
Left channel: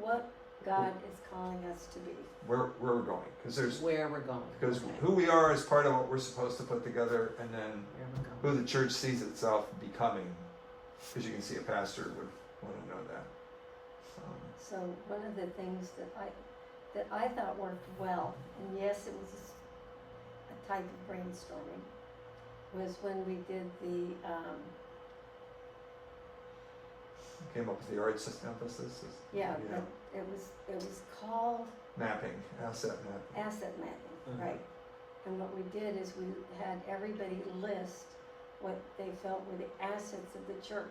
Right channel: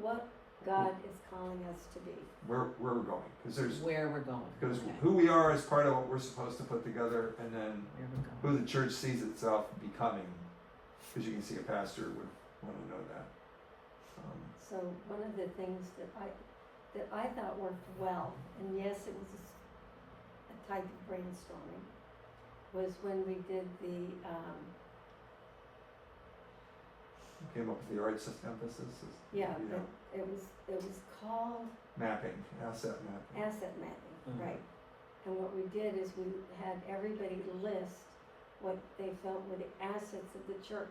What God is calling us to be. where we're going, cause there's, where we're going, because okay, who we are is part of what we're supposed to put together, and then where we're going. who the church sees itself becoming, because you can see a pastor would want to know that. So one of the things that I thought worked well, and yes, it was a type of brainstorming, was when we did the, Came up with the arts emphasis, yeah, but it was called mapping, asset mapping. asset mapping, Mhm. right? And what we did is we had everybody list what they felt were the assets of the church.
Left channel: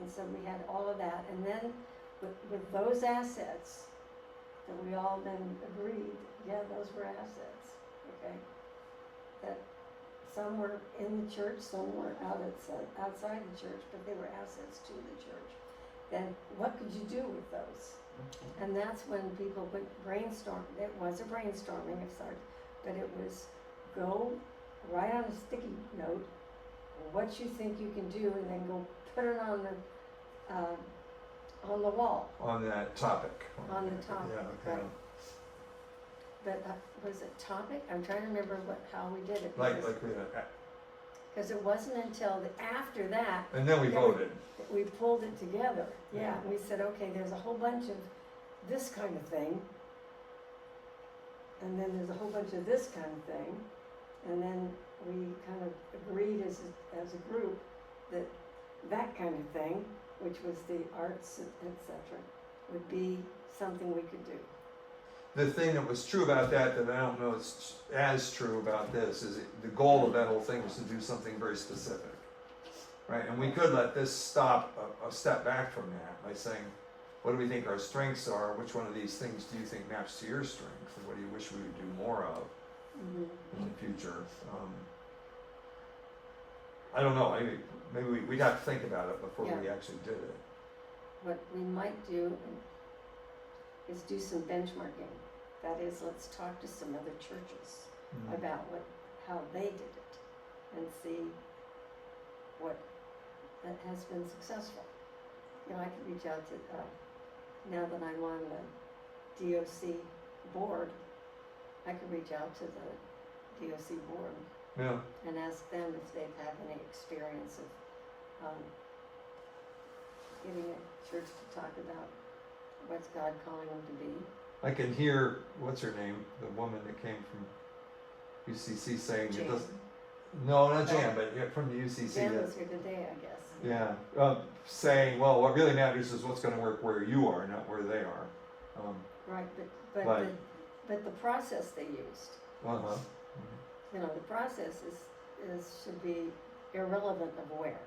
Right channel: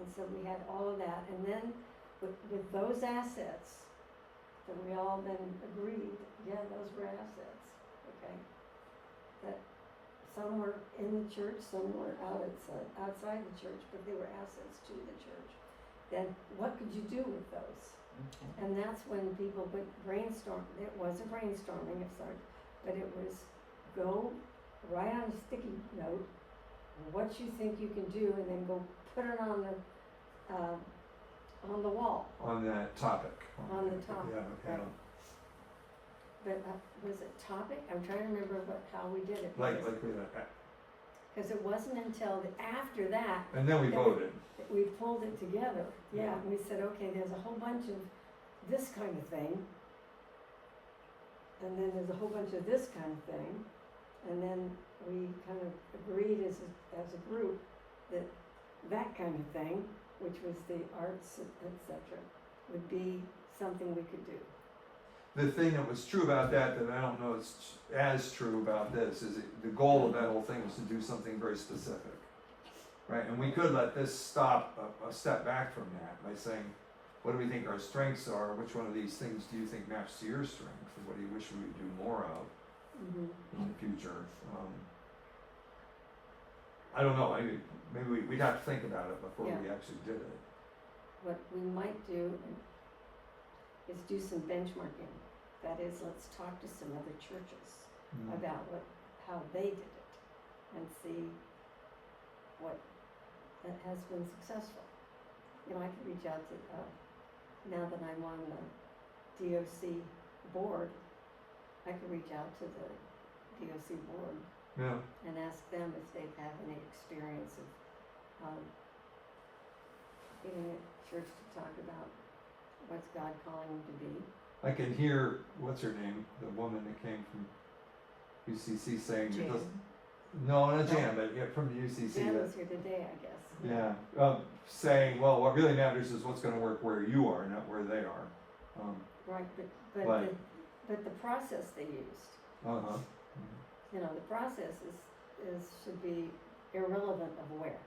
And so we had all of that, and then with those assets, that we all then agreed, yeah, those were assets, okay? That some were in the church, some were outside the church, but they were assets to the church. Then what could you do with those? Okay. And that's when people would brainstorm, it was a brainstorming exercise, but it was go write on a sticky note what you think you can do, and then go put it on the wall. On that topic. On the topic, Yeah, okay. right. but was it topic? I'm trying to remember how we did it. Like because- with Cause it wasn't until after that and then we Then we- voted. that we pulled it together. Yeah, and we said, okay, there's a whole bunch of this kind of thing. And then there's a whole bunch of this kind of thing. And then we kind of agreed as a group that that kind of thing, which was the arts, et cetera, would be something we could do. The thing that was true about that I don't know is as true about this is the goal of that whole thing was to do something very specific, right? And we could let this stop a step back from that by saying, what do we think our strengths are? Which one of these things do you think maps to your strengths? And what do you wish we would do more of in the future? I don't know. Maybe we'd have to think about it before we actually did it. What we might do is do some benchmarking. That is, let's talk to some other churches about how they did it and see what that has been successful. You know, I could reach out to, now that I'm on the DOC board, I could reach out to the DOC board Yeah. and ask them if they've had any experience of getting a church to talk about what's God calling them to be. I can hear, what's her name, the woman that came from UCC saying it doesn't. No, not Jan, but from the UCC. Jan that- was here today, I guess. Yeah, saying, well, what really matters is what's gonna work where you are, not where they are. Right, Right. but the process they used, Uh-huh. you know, the process should be irrelevant of where,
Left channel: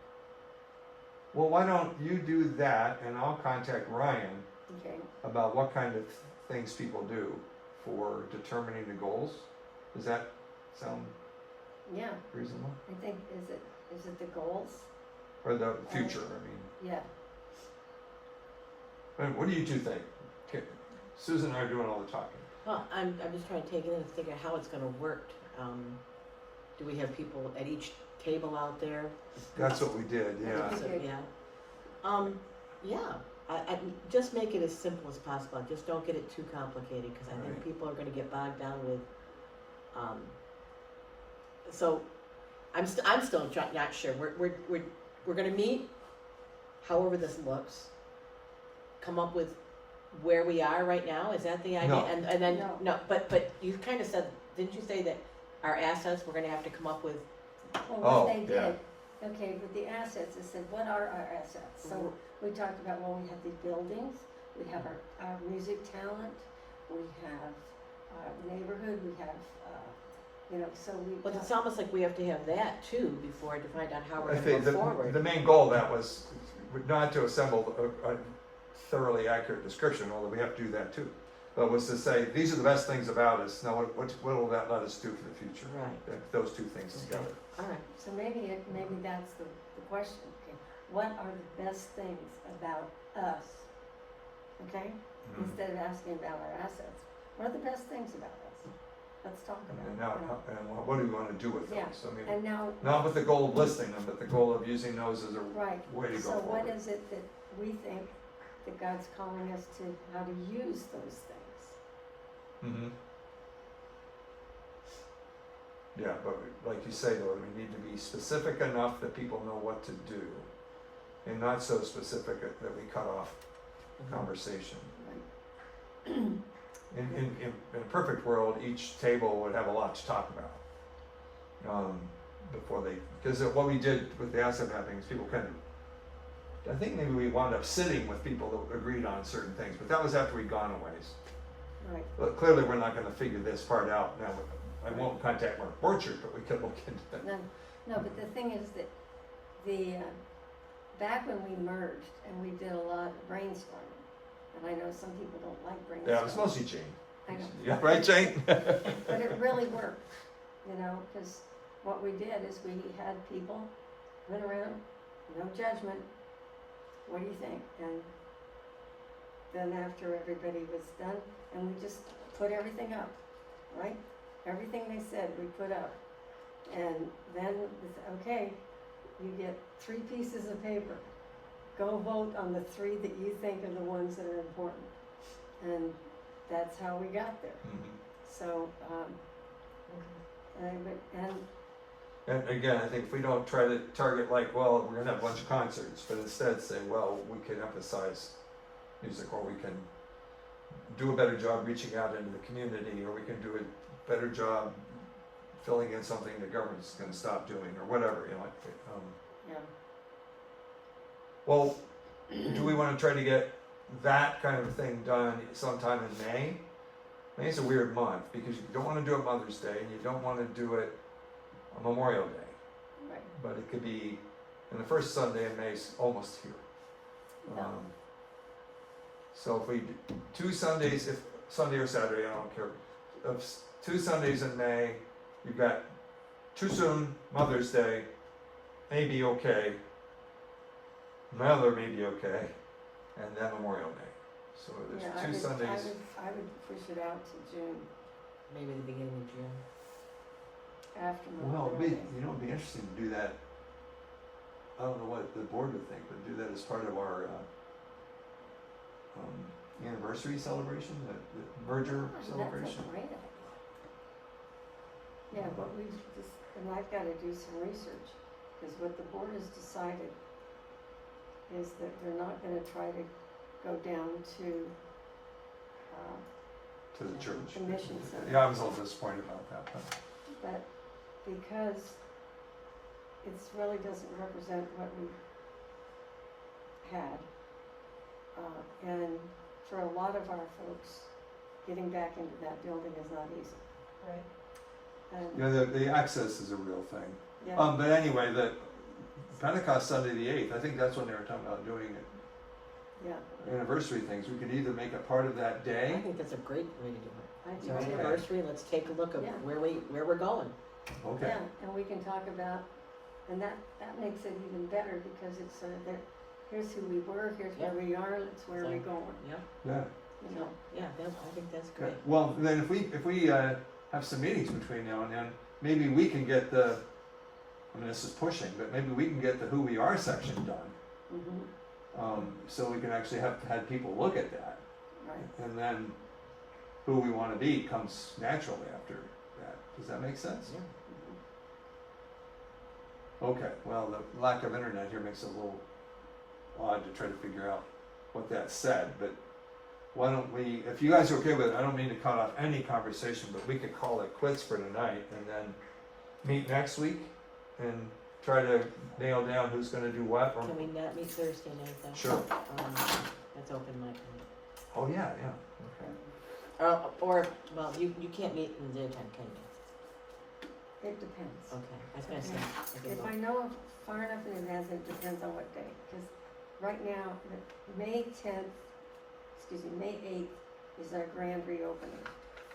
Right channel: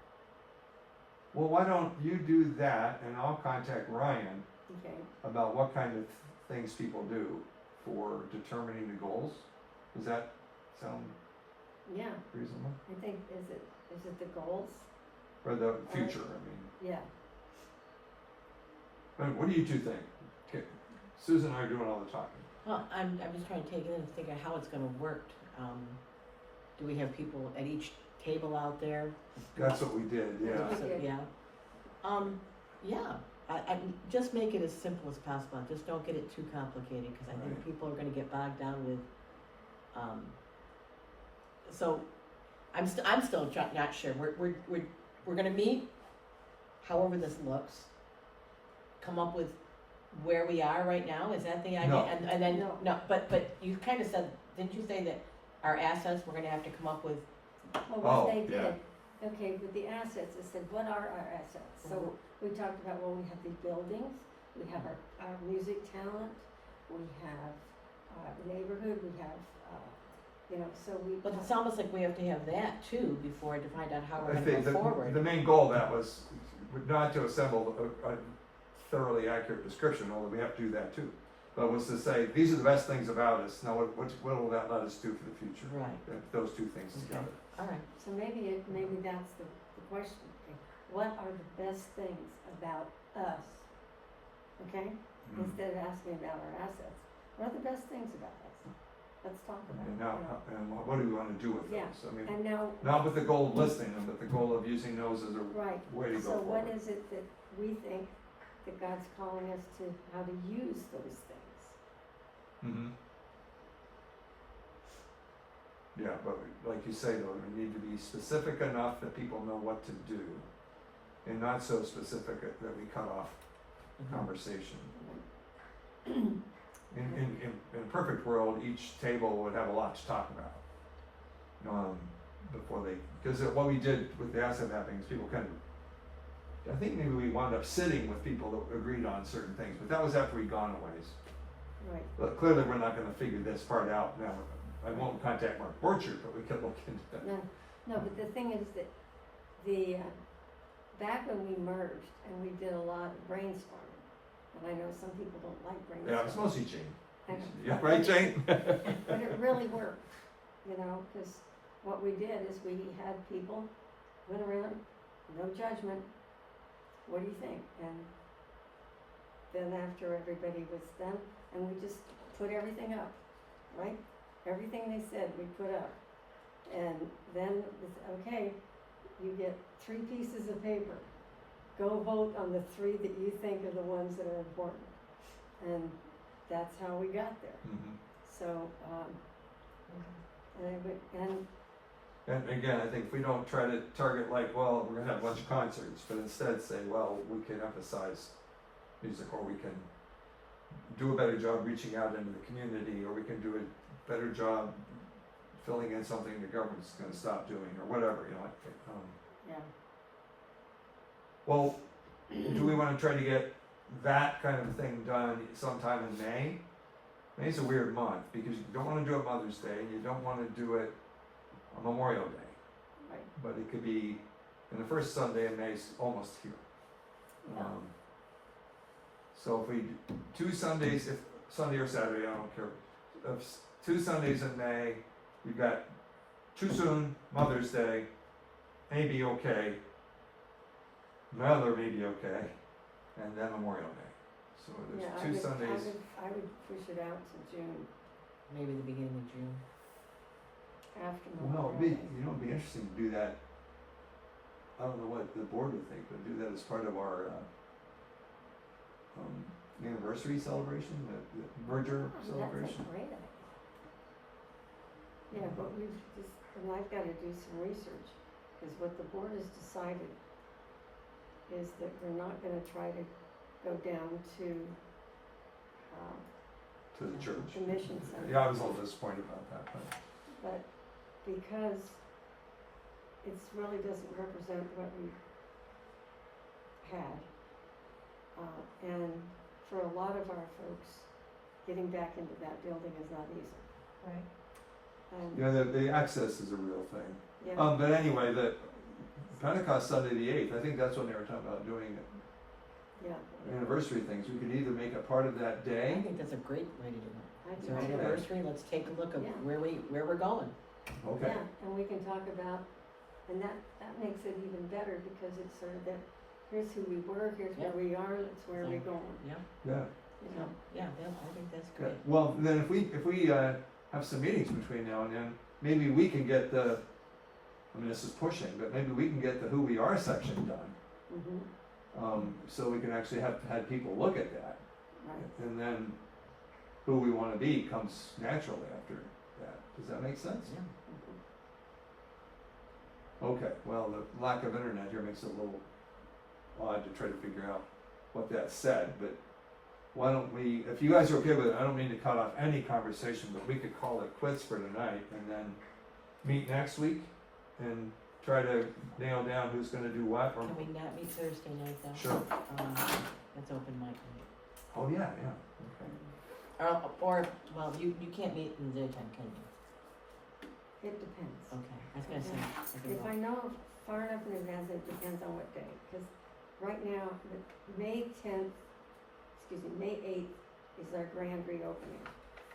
Well, why don't you do that and I'll contact Ryan okay? about what kind of things people do for determining the goals? Does that sound Yeah, reasonable? I think, is it the goals? Or the future, I mean. Yeah, I mean, what do you two think? Okay, Susan and I are doing all the talking. Well, I'm just trying to take it in and figure out how it's gonna work. Do we have people at each table out there? That's what we did, yeah. We So, did. yeah, I just make it as simple as possible, just don't get it too complicated, cause I think Right. people are gonna get bogged down with, so, I'm still not sure, we're gonna meet, however this looks, come up with where we are right now, is that the idea? No. And then, No. no, but you kinda said, didn't you say that our assets, we're gonna have to come up with, well, Oh, what they yeah. did, okay, with the assets, it said, what are our assets? So we talked about, well, we have these buildings, we have our music talent, we have our neighborhood, we have, you know, so we. but it's almost like we have to have that too, before to find out how we're I gonna think go forward. the main goal of that was not to assemble a thoroughly accurate description, although we have to do that too. But was to say, these are the best things about us, now what will that let us do for the future? Right. Those two things Okay. together. Alright, So maybe that's the question, okay, what are the best things about us? Okay, Mhm. instead of asking about our assets, what are the best things about us? Let's talk about And it, now, you know. and what do we wanna do with Yeah. those? I mean, And now, not with the goal of listing them, but the goal of using those as a right, way to go so forward. what is it that we think that God's calling us to, how to use those things? Mm-hmm. Yeah, but like you say, though, we need to be specific enough that people know what to do, and not so specific that we cut off conversation. In a perfect world, each table would have a lot to talk about. Before they, because what we did with the asset mapping is people kind of, I think maybe we wound up sitting with people that agreed on certain things, but that was after we'd gone a ways. Right, But clearly, we're not gonna figure this part out now. I won't contact Mark Borchert, but we could look into that. no, but the thing is that back when we merged and we did a lot of brainstorming, and I know some people don't like brainstorming. Yeah, it's mostly Jane. I know. Yeah, right, Jane? But it really worked, you know, because what we did is we had people went around, no judgment, what do you think? And then after everybody was done, and we just put everything up, right? Everything they said, we put up. And then it's, okay, you get 3 pieces of paper. Go vote on the 3 that you think are the ones that are important. And that's how we got there. Mhm. So, and I would, And again, I think if we don't try to target like, well, we're gonna have a bunch of concerts, but instead say, well, we can emphasize music, or we can do a better job reaching out into the community, or we can do a better job filling in something the government's gonna stop doing, or whatever, you know, yeah, well, do we wanna try to get that kind of a thing done sometime in May? May's a weird month, because you don't wanna do it Mother's Day, and you don't wanna do it on Memorial Day. right, But it could be, and the first Sunday in May's almost here. Yeah. So if we, 2 Sundays, if Sunday or Saturday, I don't care, of 2 Sundays in May, you've got too soon, Mother's Day, may be okay, Mother may be okay, and then Memorial Day. So yeah, there's 2 Sundays. I would push it out to June, Maybe the beginning of June. after Well, Memorial it'd be, Day. you know, it'd be interesting to do that. I don't know what the board would think, but do that as part of our anniversary celebration, the merger That's celebration. a great idea. Yeah, but we just, and I've gotta do some research, cause what the board has decided is that we're not gonna try to go down to, To the church. the mission center. Yeah, I was a little disappointed about that, But because it's really doesn't represent what we had. And for a lot of our folks, getting back into that building is not easy. Right. And, yeah, the access is a real thing. yeah, But anyway, the Pentecost Sunday the 8th, I think that's when they were talking about doing it. yeah, Anniversary things, we could either make it part of that I day, think that's a great way to do it. I It's do our too. anniversary, let's take a look at Yeah. where we're going. okay, Yeah, and we can talk about, and that makes it even better because it's sort of that, here's who we were, here's where we are, that's where we're Exactly. going, Yeah, yeah. you know? yeah, I think that's Yeah. great. Well, then if we have some meetings between now and then, maybe we can get the, I mean, this is pushing, but maybe we can get the who we are section done. Mm-hmm, So we can actually have had people look at that, right, and then who we wanna be comes naturally after that. Does that make sense? Yeah. Okay, well, the lack of internet here makes it a little odd to try to figure out what that said, but why don't we, if you guys are okay with it, I don't mean to cut off any conversation, but we could call it quits for tonight and then meet next week and try to nail down who's gonna do what, or, Can we not meet Thursday night though? sure, That's open mic oh, yeah, yeah, night. Or, well, you can't meet in the daytime, can you? it depends. Okay, I was gonna say, I could If go. I know far enough in advance, it depends on what day, cause right now, May 8th is our grand reopening.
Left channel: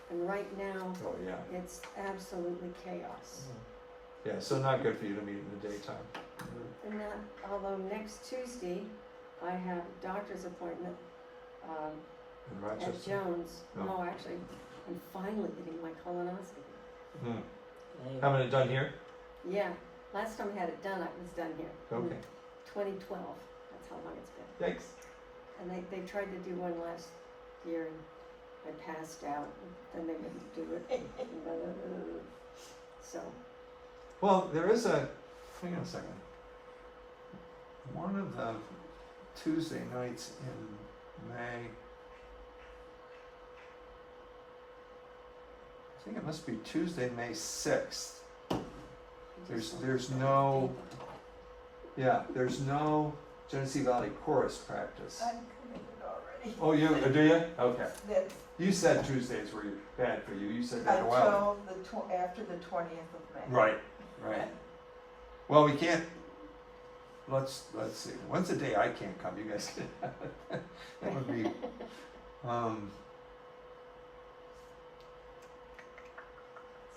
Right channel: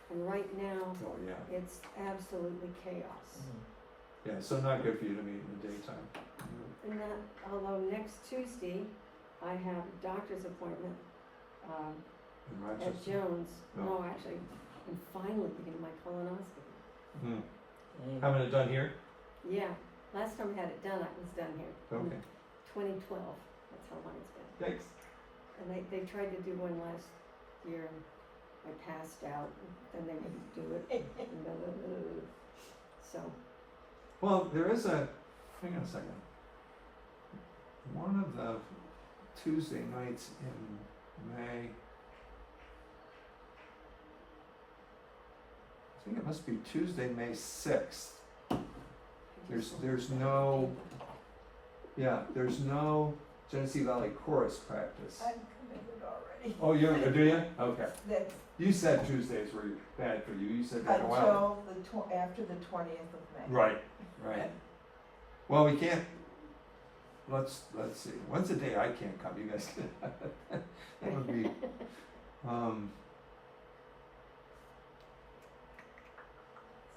And right now, oh, yeah, it's absolutely chaos. Mhm. yeah, so not good for you to meet in the daytime. And that, although next Tuesday, I have a doctor's appointment, In at Rochester. Jones. No. No, actually, I'm finally getting my colonoscopy. Hmm. Hey, Having it done here? Yeah, last time I had it done, I was done here. in Okay, 2012, that's how long it's been. thanks. And they tried to do one last year, and I passed out, and then they wouldn't do it. So, Well, there is a, hang on a second. One of the Tuesday nights in May. I think it must be Tuesday, May 6th. There's no, yeah, there's no Genesee Valley Chorus practice. I'm committed already. Oh, you, do you? Okay. That's You said Tuesdays were bad for you. You said that a while ago. until after the 20th of May. Right, right. Well, we can't, let's see, when's the day I can't come, you guys can, that would be,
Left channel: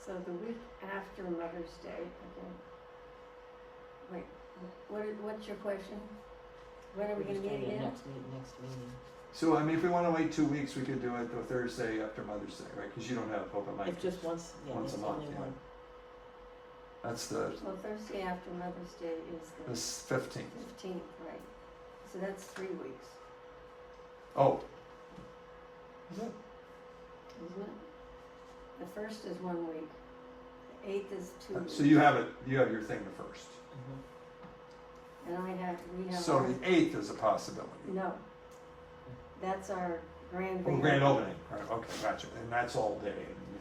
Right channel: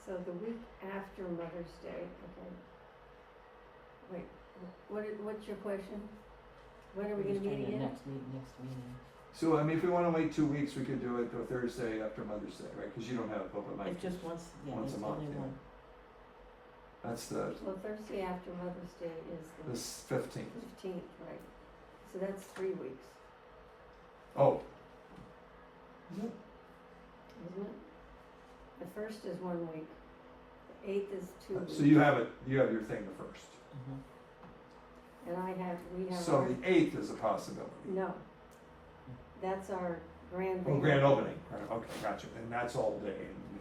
so the week after Mother's Day, okay. Wait, what's your question? When are we We're gonna just meet doing the again? next meeting. so I mean, if we wanna wait 2 weeks, we could do it the Thursday after Mother's Day, right, cause you don't have open mic. It's just once, yeah, Once it's a month, only yeah. one. That's the, Well, Thursday after Mother's Day is the this 15th. 15th, right? So that's 3 weeks, Oh. Is it? isn't it? The first is 1 week, the 8th is 2 weeks. So you have your thing the first. Mhm. And we have So our, the 8th is a possibility. no. That's our grand Oh, opening. grand opening, right, okay, gotcha, and that's all day.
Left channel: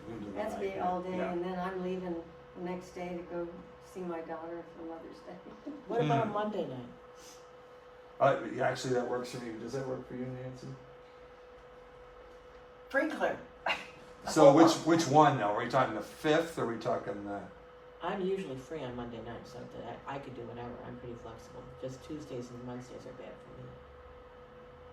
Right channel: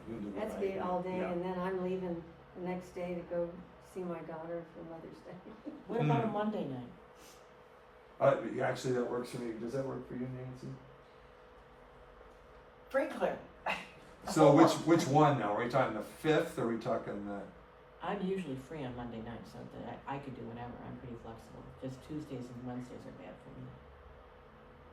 And into the That's night, be all day, yeah. and then I'm leaving the next day to go see my daughter for Mother's Day. What about a Monday night? Actually, that works for me. Does that work for you, Nancy? Free clear. So which one now? Are we talking the 5th, or are we talking the? I'm usually free on Monday night, so that I could do whenever. I'm pretty flexible. Just Tuesdays and Wednesdays are bad for me.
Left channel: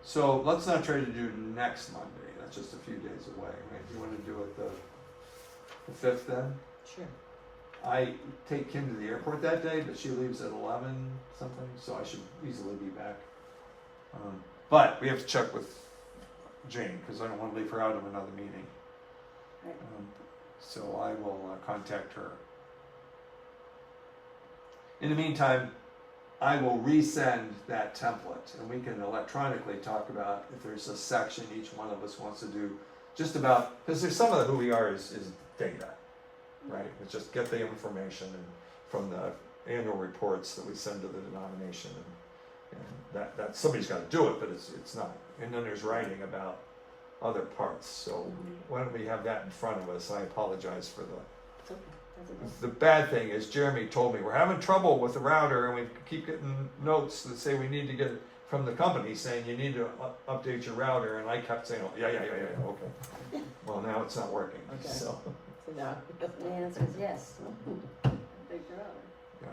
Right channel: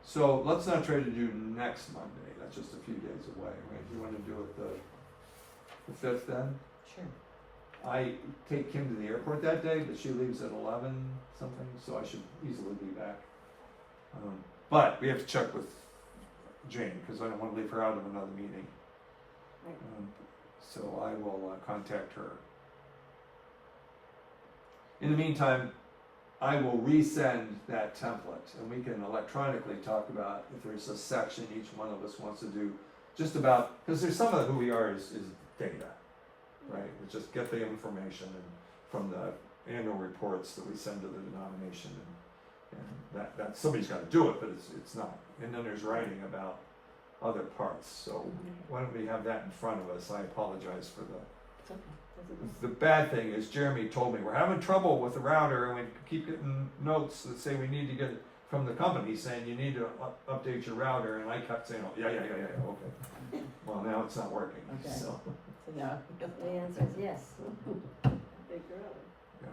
So let's not try to do next Monday. That's just a few days away. Right? Do you want to do it the 5th then? Sure. I take Kim to the airport that day, but she leaves at 11 something, so I should easily be back. But we have to check with Jane because I don't want to leave her out of another meeting. Right. So I will contact her. In the meantime, I will resend that template and we can electronically talk about if there's a section each one of us wants to do just about, because there's some of who we are is data, right? It's just get the information and from the annual reports that we send to the denomination and that somebody's got to do it, but it's not. And then there's writing about other parts. So why don't we have that in front of us? I apologize for the. It's okay. The bad thing is Jeremy told me we're having trouble with the router and we keep getting notes that say we need to get from the company saying you need to update your router, and I kept saying, oh, yeah, okay. Well, now it's not working. Okay. So, So now, The answer is yes. Big road. yeah.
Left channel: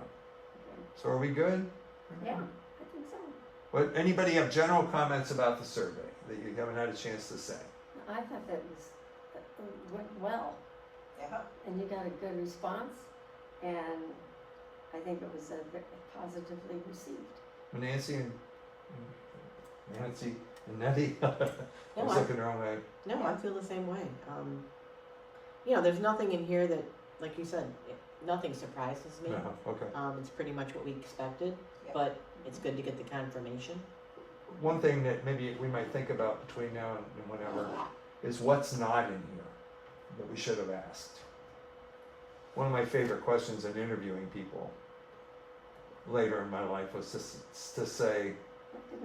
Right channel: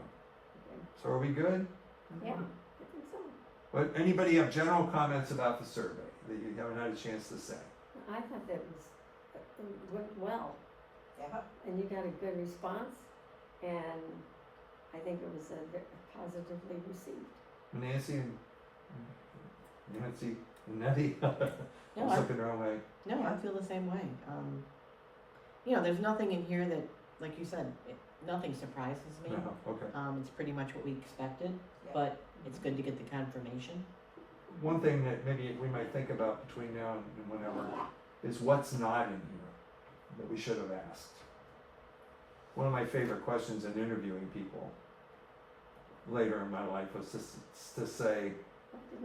So are we good? Yeah, I think so. What, anybody have general comments about the survey that you haven't had a chance to say? I thought that was, it went well, Yeah. and you got a good response, and I think it was positively received. Nancy and Nettie? I no, was looking the wrong way. I feel the same way. You know, there's nothing in here that, like you said, nothing surprises me. No, okay. It's pretty much what we expected, Yeah. but it's good to get the confirmation. One thing that maybe we might think about between now and whenever is what's not in here that we should have asked. One of my favorite questions in interviewing people later in my life was to say,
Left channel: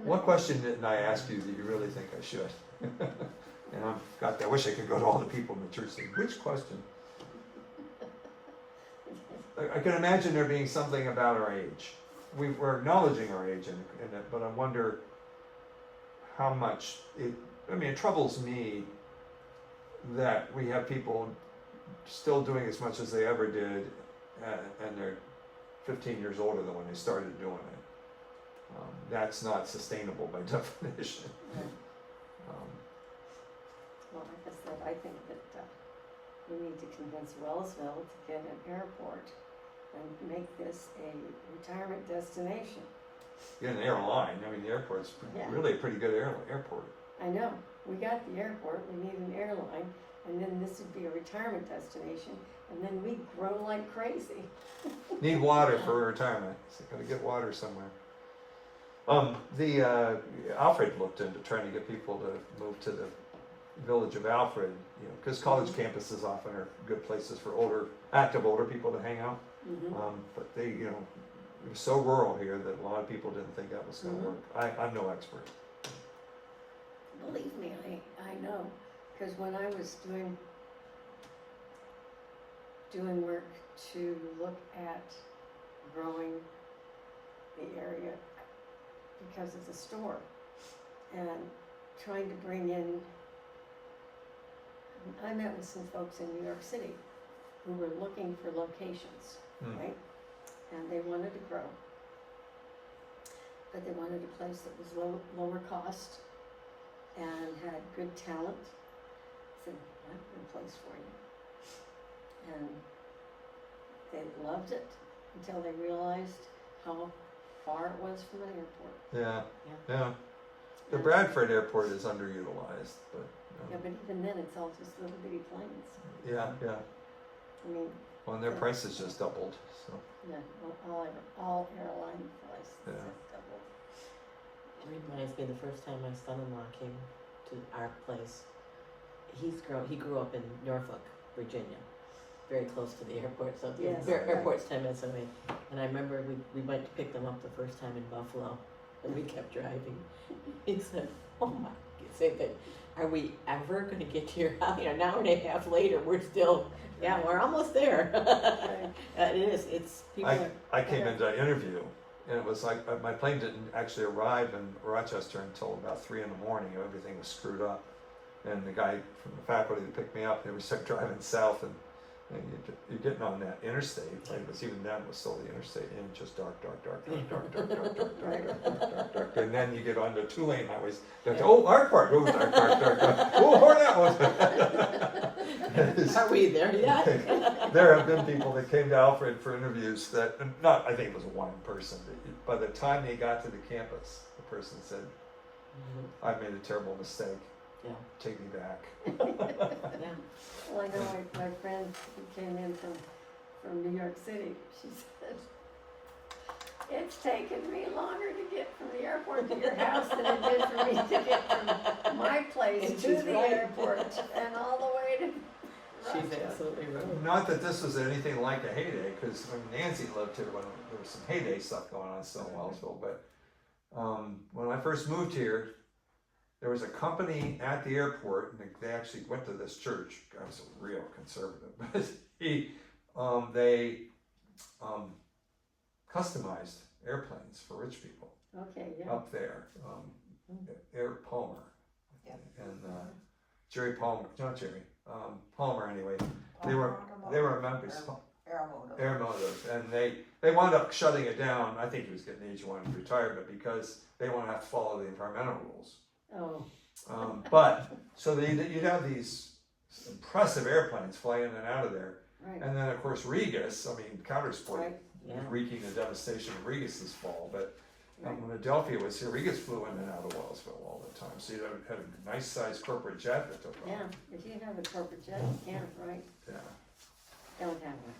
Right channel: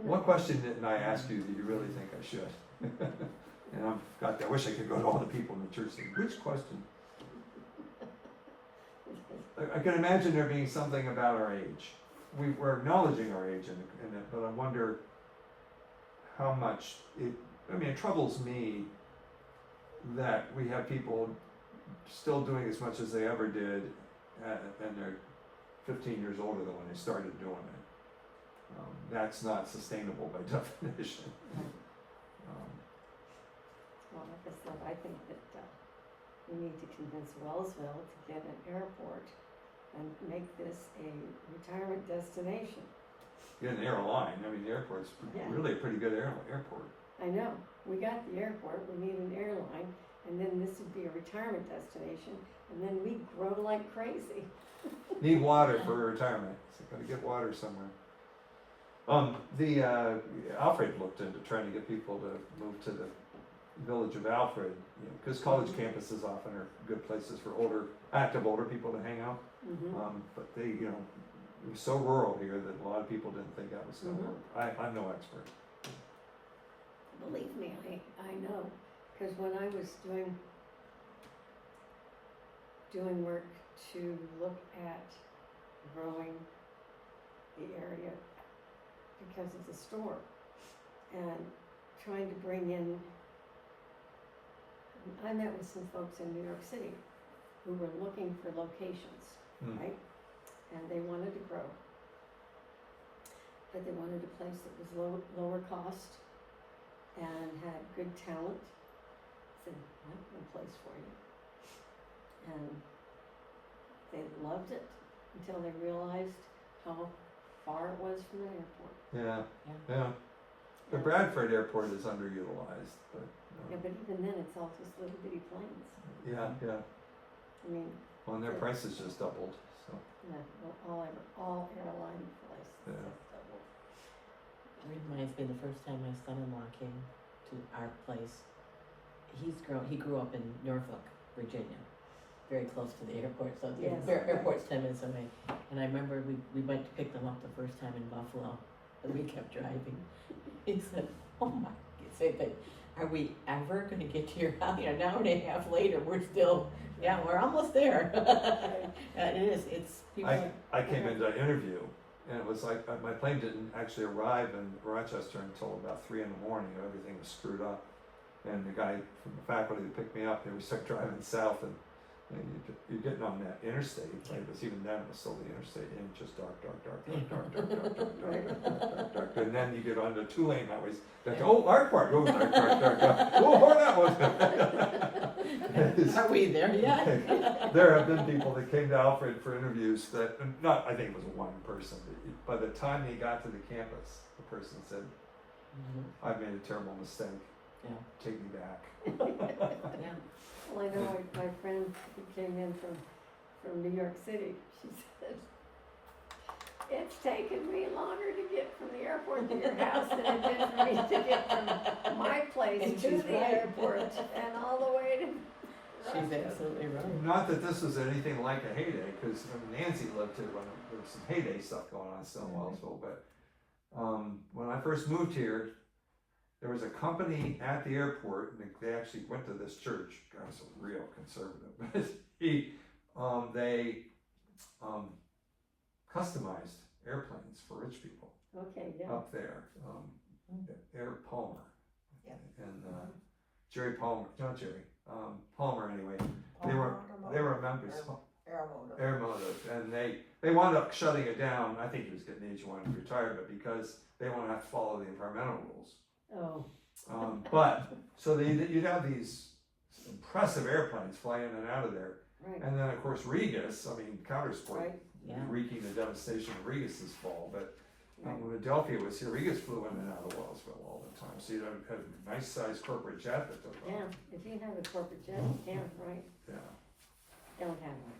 what question didn't I ask you that you really think I should? And I wish I could go to all the people in the church and say, which question? I can imagine there being something about our age. We're acknowledging our age in it, but I wonder how much it troubles me that we have people still doing as much as they ever did, and they're 15 years older than when they started doing it. That's not sustainable by definition. Well, like I said, I think that we need to convince Wellsville to get an airport and make this a retirement destination. Get an airline. The airport's Yeah. really a pretty good airport. I know, we got the airport, we need an airline, and then this would be a retirement destination, and then we grow like crazy. Need water for retirement. So gotta get water somewhere. Alfred looked into trying to get people to move to the village of Alfred, because college campuses often are good places for active older people to hang out. But they, it was so rural here that a lot of people didn't think that was going to work. I'm no expert. Believe me, I know, because when I was doing work to look at growing the area because of the store and trying to bring in, I met with some folks in New York City who were looking for locations, right? And they wanted to grow, but they wanted a place that was lower cost and had good talent. I said, I have a place for you. And they loved it until they realized how far it was from the airport. Yeah. The Bradford Airport is underutilized, but. Yeah, but even then, it's all just little bitty planes. Yeah. I mean, Well, and their prices just doubled. So. yeah, all airline prices Yeah. have doubled. It reminds me of the first time my son-in-law came to our place. He grew up in Norfolk, Virginia, very close to the airport, so the Yes. airport's 10 minutes away. And I remember we went to pick them up the first time in Buffalo, and we kept driving. He said, oh my, same thing, are we ever gonna get to your house? You know, an hour and a half later, we're still, yeah, we're almost there. It is, it's, people are, I came into an interview, and it was like, my plane didn't actually arrive in Rochester until about 3 in the morning, everything was screwed up. And the guy from the faculty that picked me up, they were start driving south, and you're getting on that interstate, and it was even then, it was still the interstate, and just dark, and then you get onto 2-lane highways, like, oh, Art Park, oh, dark, oh, Hornet. are we there yet? There have been people that came to Alfred for interviews that, not, I think it was one person, but by the time they got to the campus, the person said, I've made a terrible mistake. Yeah. Take me back. Yeah. Well, I know my friend who came in from New York City, she said, it's taken me longer to get from the airport to your house than it did for me to get from my place And to she's the right. airport and all the way to. She's absolutely right. Not that this was anything like a heyday, because when Nancy lived here, when there was some heyday stuff going on still in Wellsville, but when I first moved here, there was a company at the airport, and they actually went to this church. I was a real conservative, but they customized airplanes for rich people Okay, yeah. up there. Air Palmer, Yeah. and Jerry Palmer, not Jerry, Palmer anyway. They were members. Airmotive, and they wound up shutting it down. I think he was getting age, wanted to retire, but because they want to have to follow the environmental rules. Oh, But so you'd have these impressive airplanes flying in and out of there, right, and then of course Regus. I mean, Countersport right, Yeah. wreaking the devastation of Regus this fall. But right. when Adelphia was here, Regus flew in and out of Wellsville all the time. So you had a nice sized corporate jet that took off. Yeah, if you have a corporate jet, you can, right? Yeah. Don't have one.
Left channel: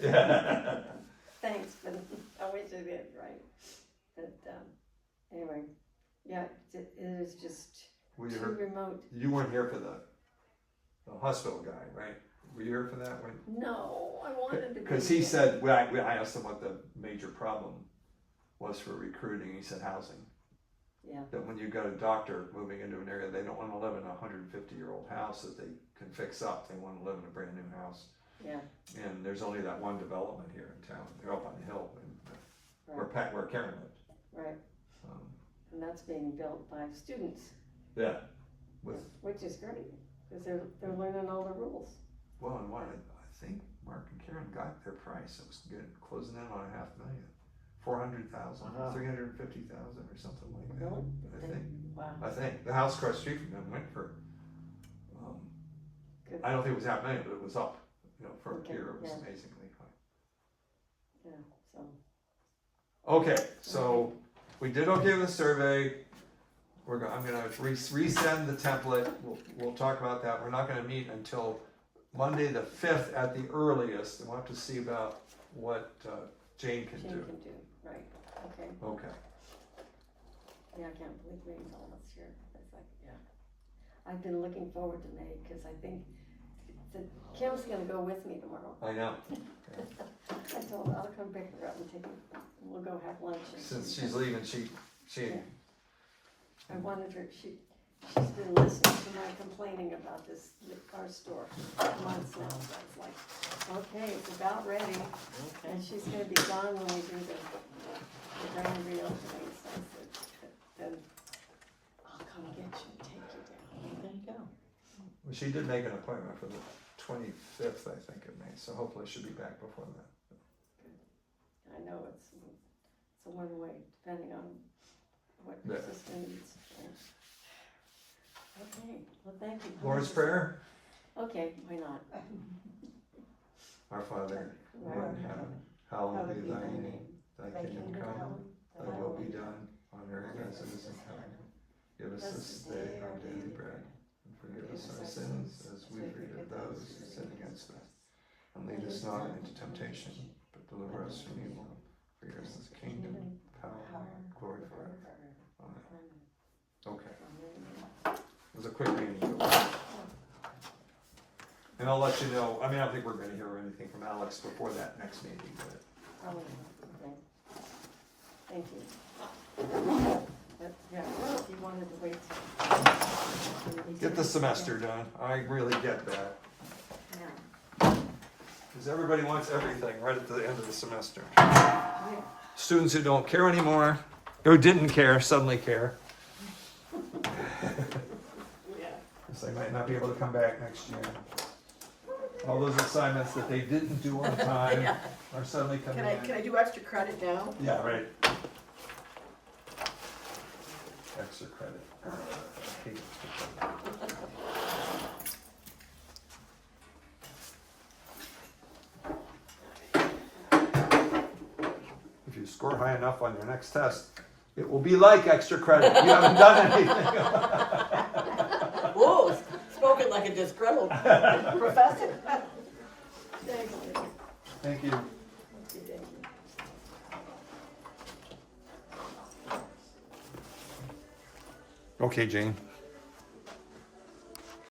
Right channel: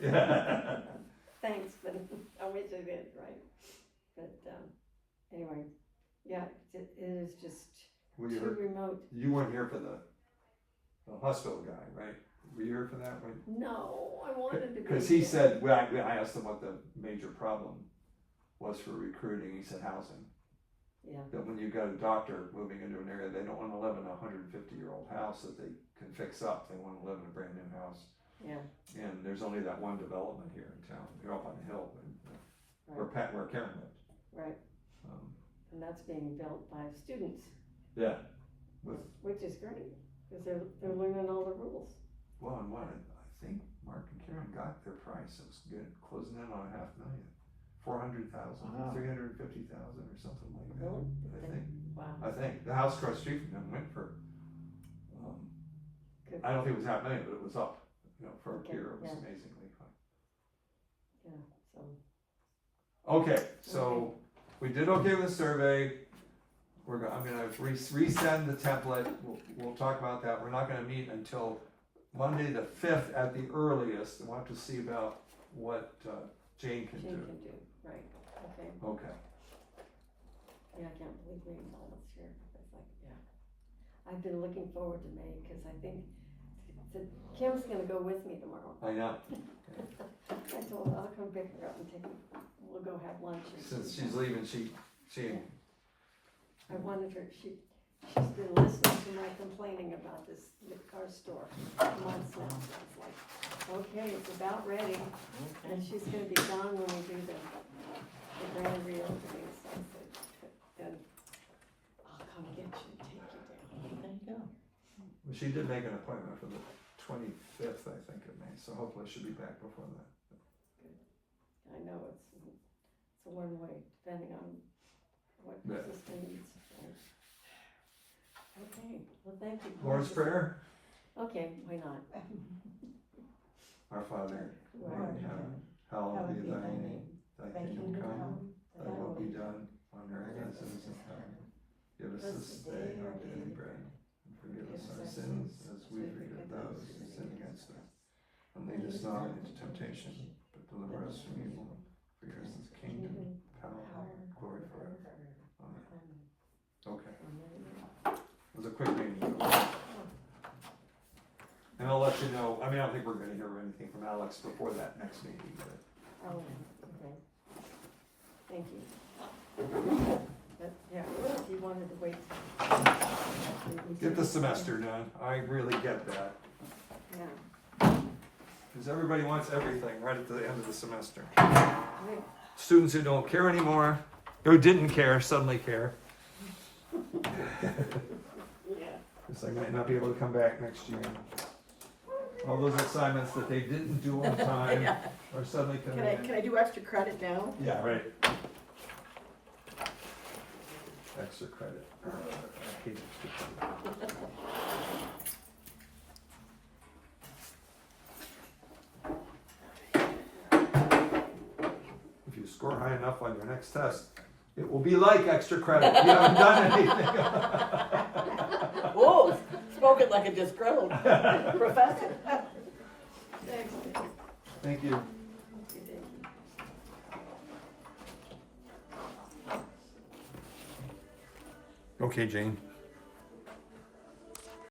Yeah. Thanks, but I wish I did, right? But, anyway, yeah, it is just Well, too remote. you weren't here for the hospital guy, right? Were you here for that one? No, I wanted to be. Because he said, when I asked him what the major problem was for recruiting, he said housing. Yeah, That when you got a doctor moving into an area, they don't want to live in a 150-year-old house that they can fix up. They want to live in a brand new house. yeah, And there's only that one development here in town. They're up on the hill, where Karen lived. right, Um, and that's being built by students, yeah. which is great, because they're learning all the rules. Well, and what I think Mark and Karen got their price. It was good, closing in on $500,000, 400,000, Wow. 350,000, or something like that. Really? I Wow, think the house across the street from them went for. good, I don't think it was $500,000, but it was up. For a Okay, year, it was yeah. amazingly high. yeah, so, Okay, so we did okay with the survey. I'm gonna resend the template. We'll talk about that. We're not gonna meet until Monday the 5th at the earliest. We'll have to see about what Jane can Jane do. can do, right, okay, Okay. yeah, I can't believe rainfall this year, it's like, yeah. I've been looking forward to May, because I think Kim's gonna go with me tomorrow. I know. I told her I'll come pick her up and we'll go have lunch. Since she's leaving, she I wanted her, she's been listening to my complaining about our store for months now. So it's like, okay, it's about ready, Okay. and she's gonna be gone when we do the grand reopening, so I said, then I'll come get you, take you down. There you go. Well, she did make an appointment for the 25th, I think, of May. So hopefully she'll be back before that. I know it's a one-way, depending on what your Yeah. sister needs. Right? Okay, well, thank you. Lord's Prayer. Okay, why not? Our Father, who art in heaven, hallowed be thy name. Thy kingdom come, thy will be done on earth as it is in heaven. Give us this day our daily bread, and forgive us our sins as we forgive those who sin against us. And lead us not into temptation, but deliver us from evil. For yours is the kingdom, power, glory forever. Amen. Okay, it was a quick meeting. And I'll let you know, I mean, I don't think we're gonna hear anything from Alex before that next meeting, but. Oh, okay. Thank you. But, yeah, if you wanted to wait. Get the semester done, I really get that, Yeah. because everybody wants everything right at the end of the semester. Yeah. Students who don't care anymore, or didn't care, suddenly care. Because they might not be able to come back next year. All those assignments that they didn't do on time Yeah. are suddenly coming in. Can I do extra credit now? Yeah, right. Extra credit. I hate extra credit. If you score high enough on your next test, it will be like extra credit. You haven't done anything. Whoa, spoken like a disgruntled professor. Thank you. Okay, Jane.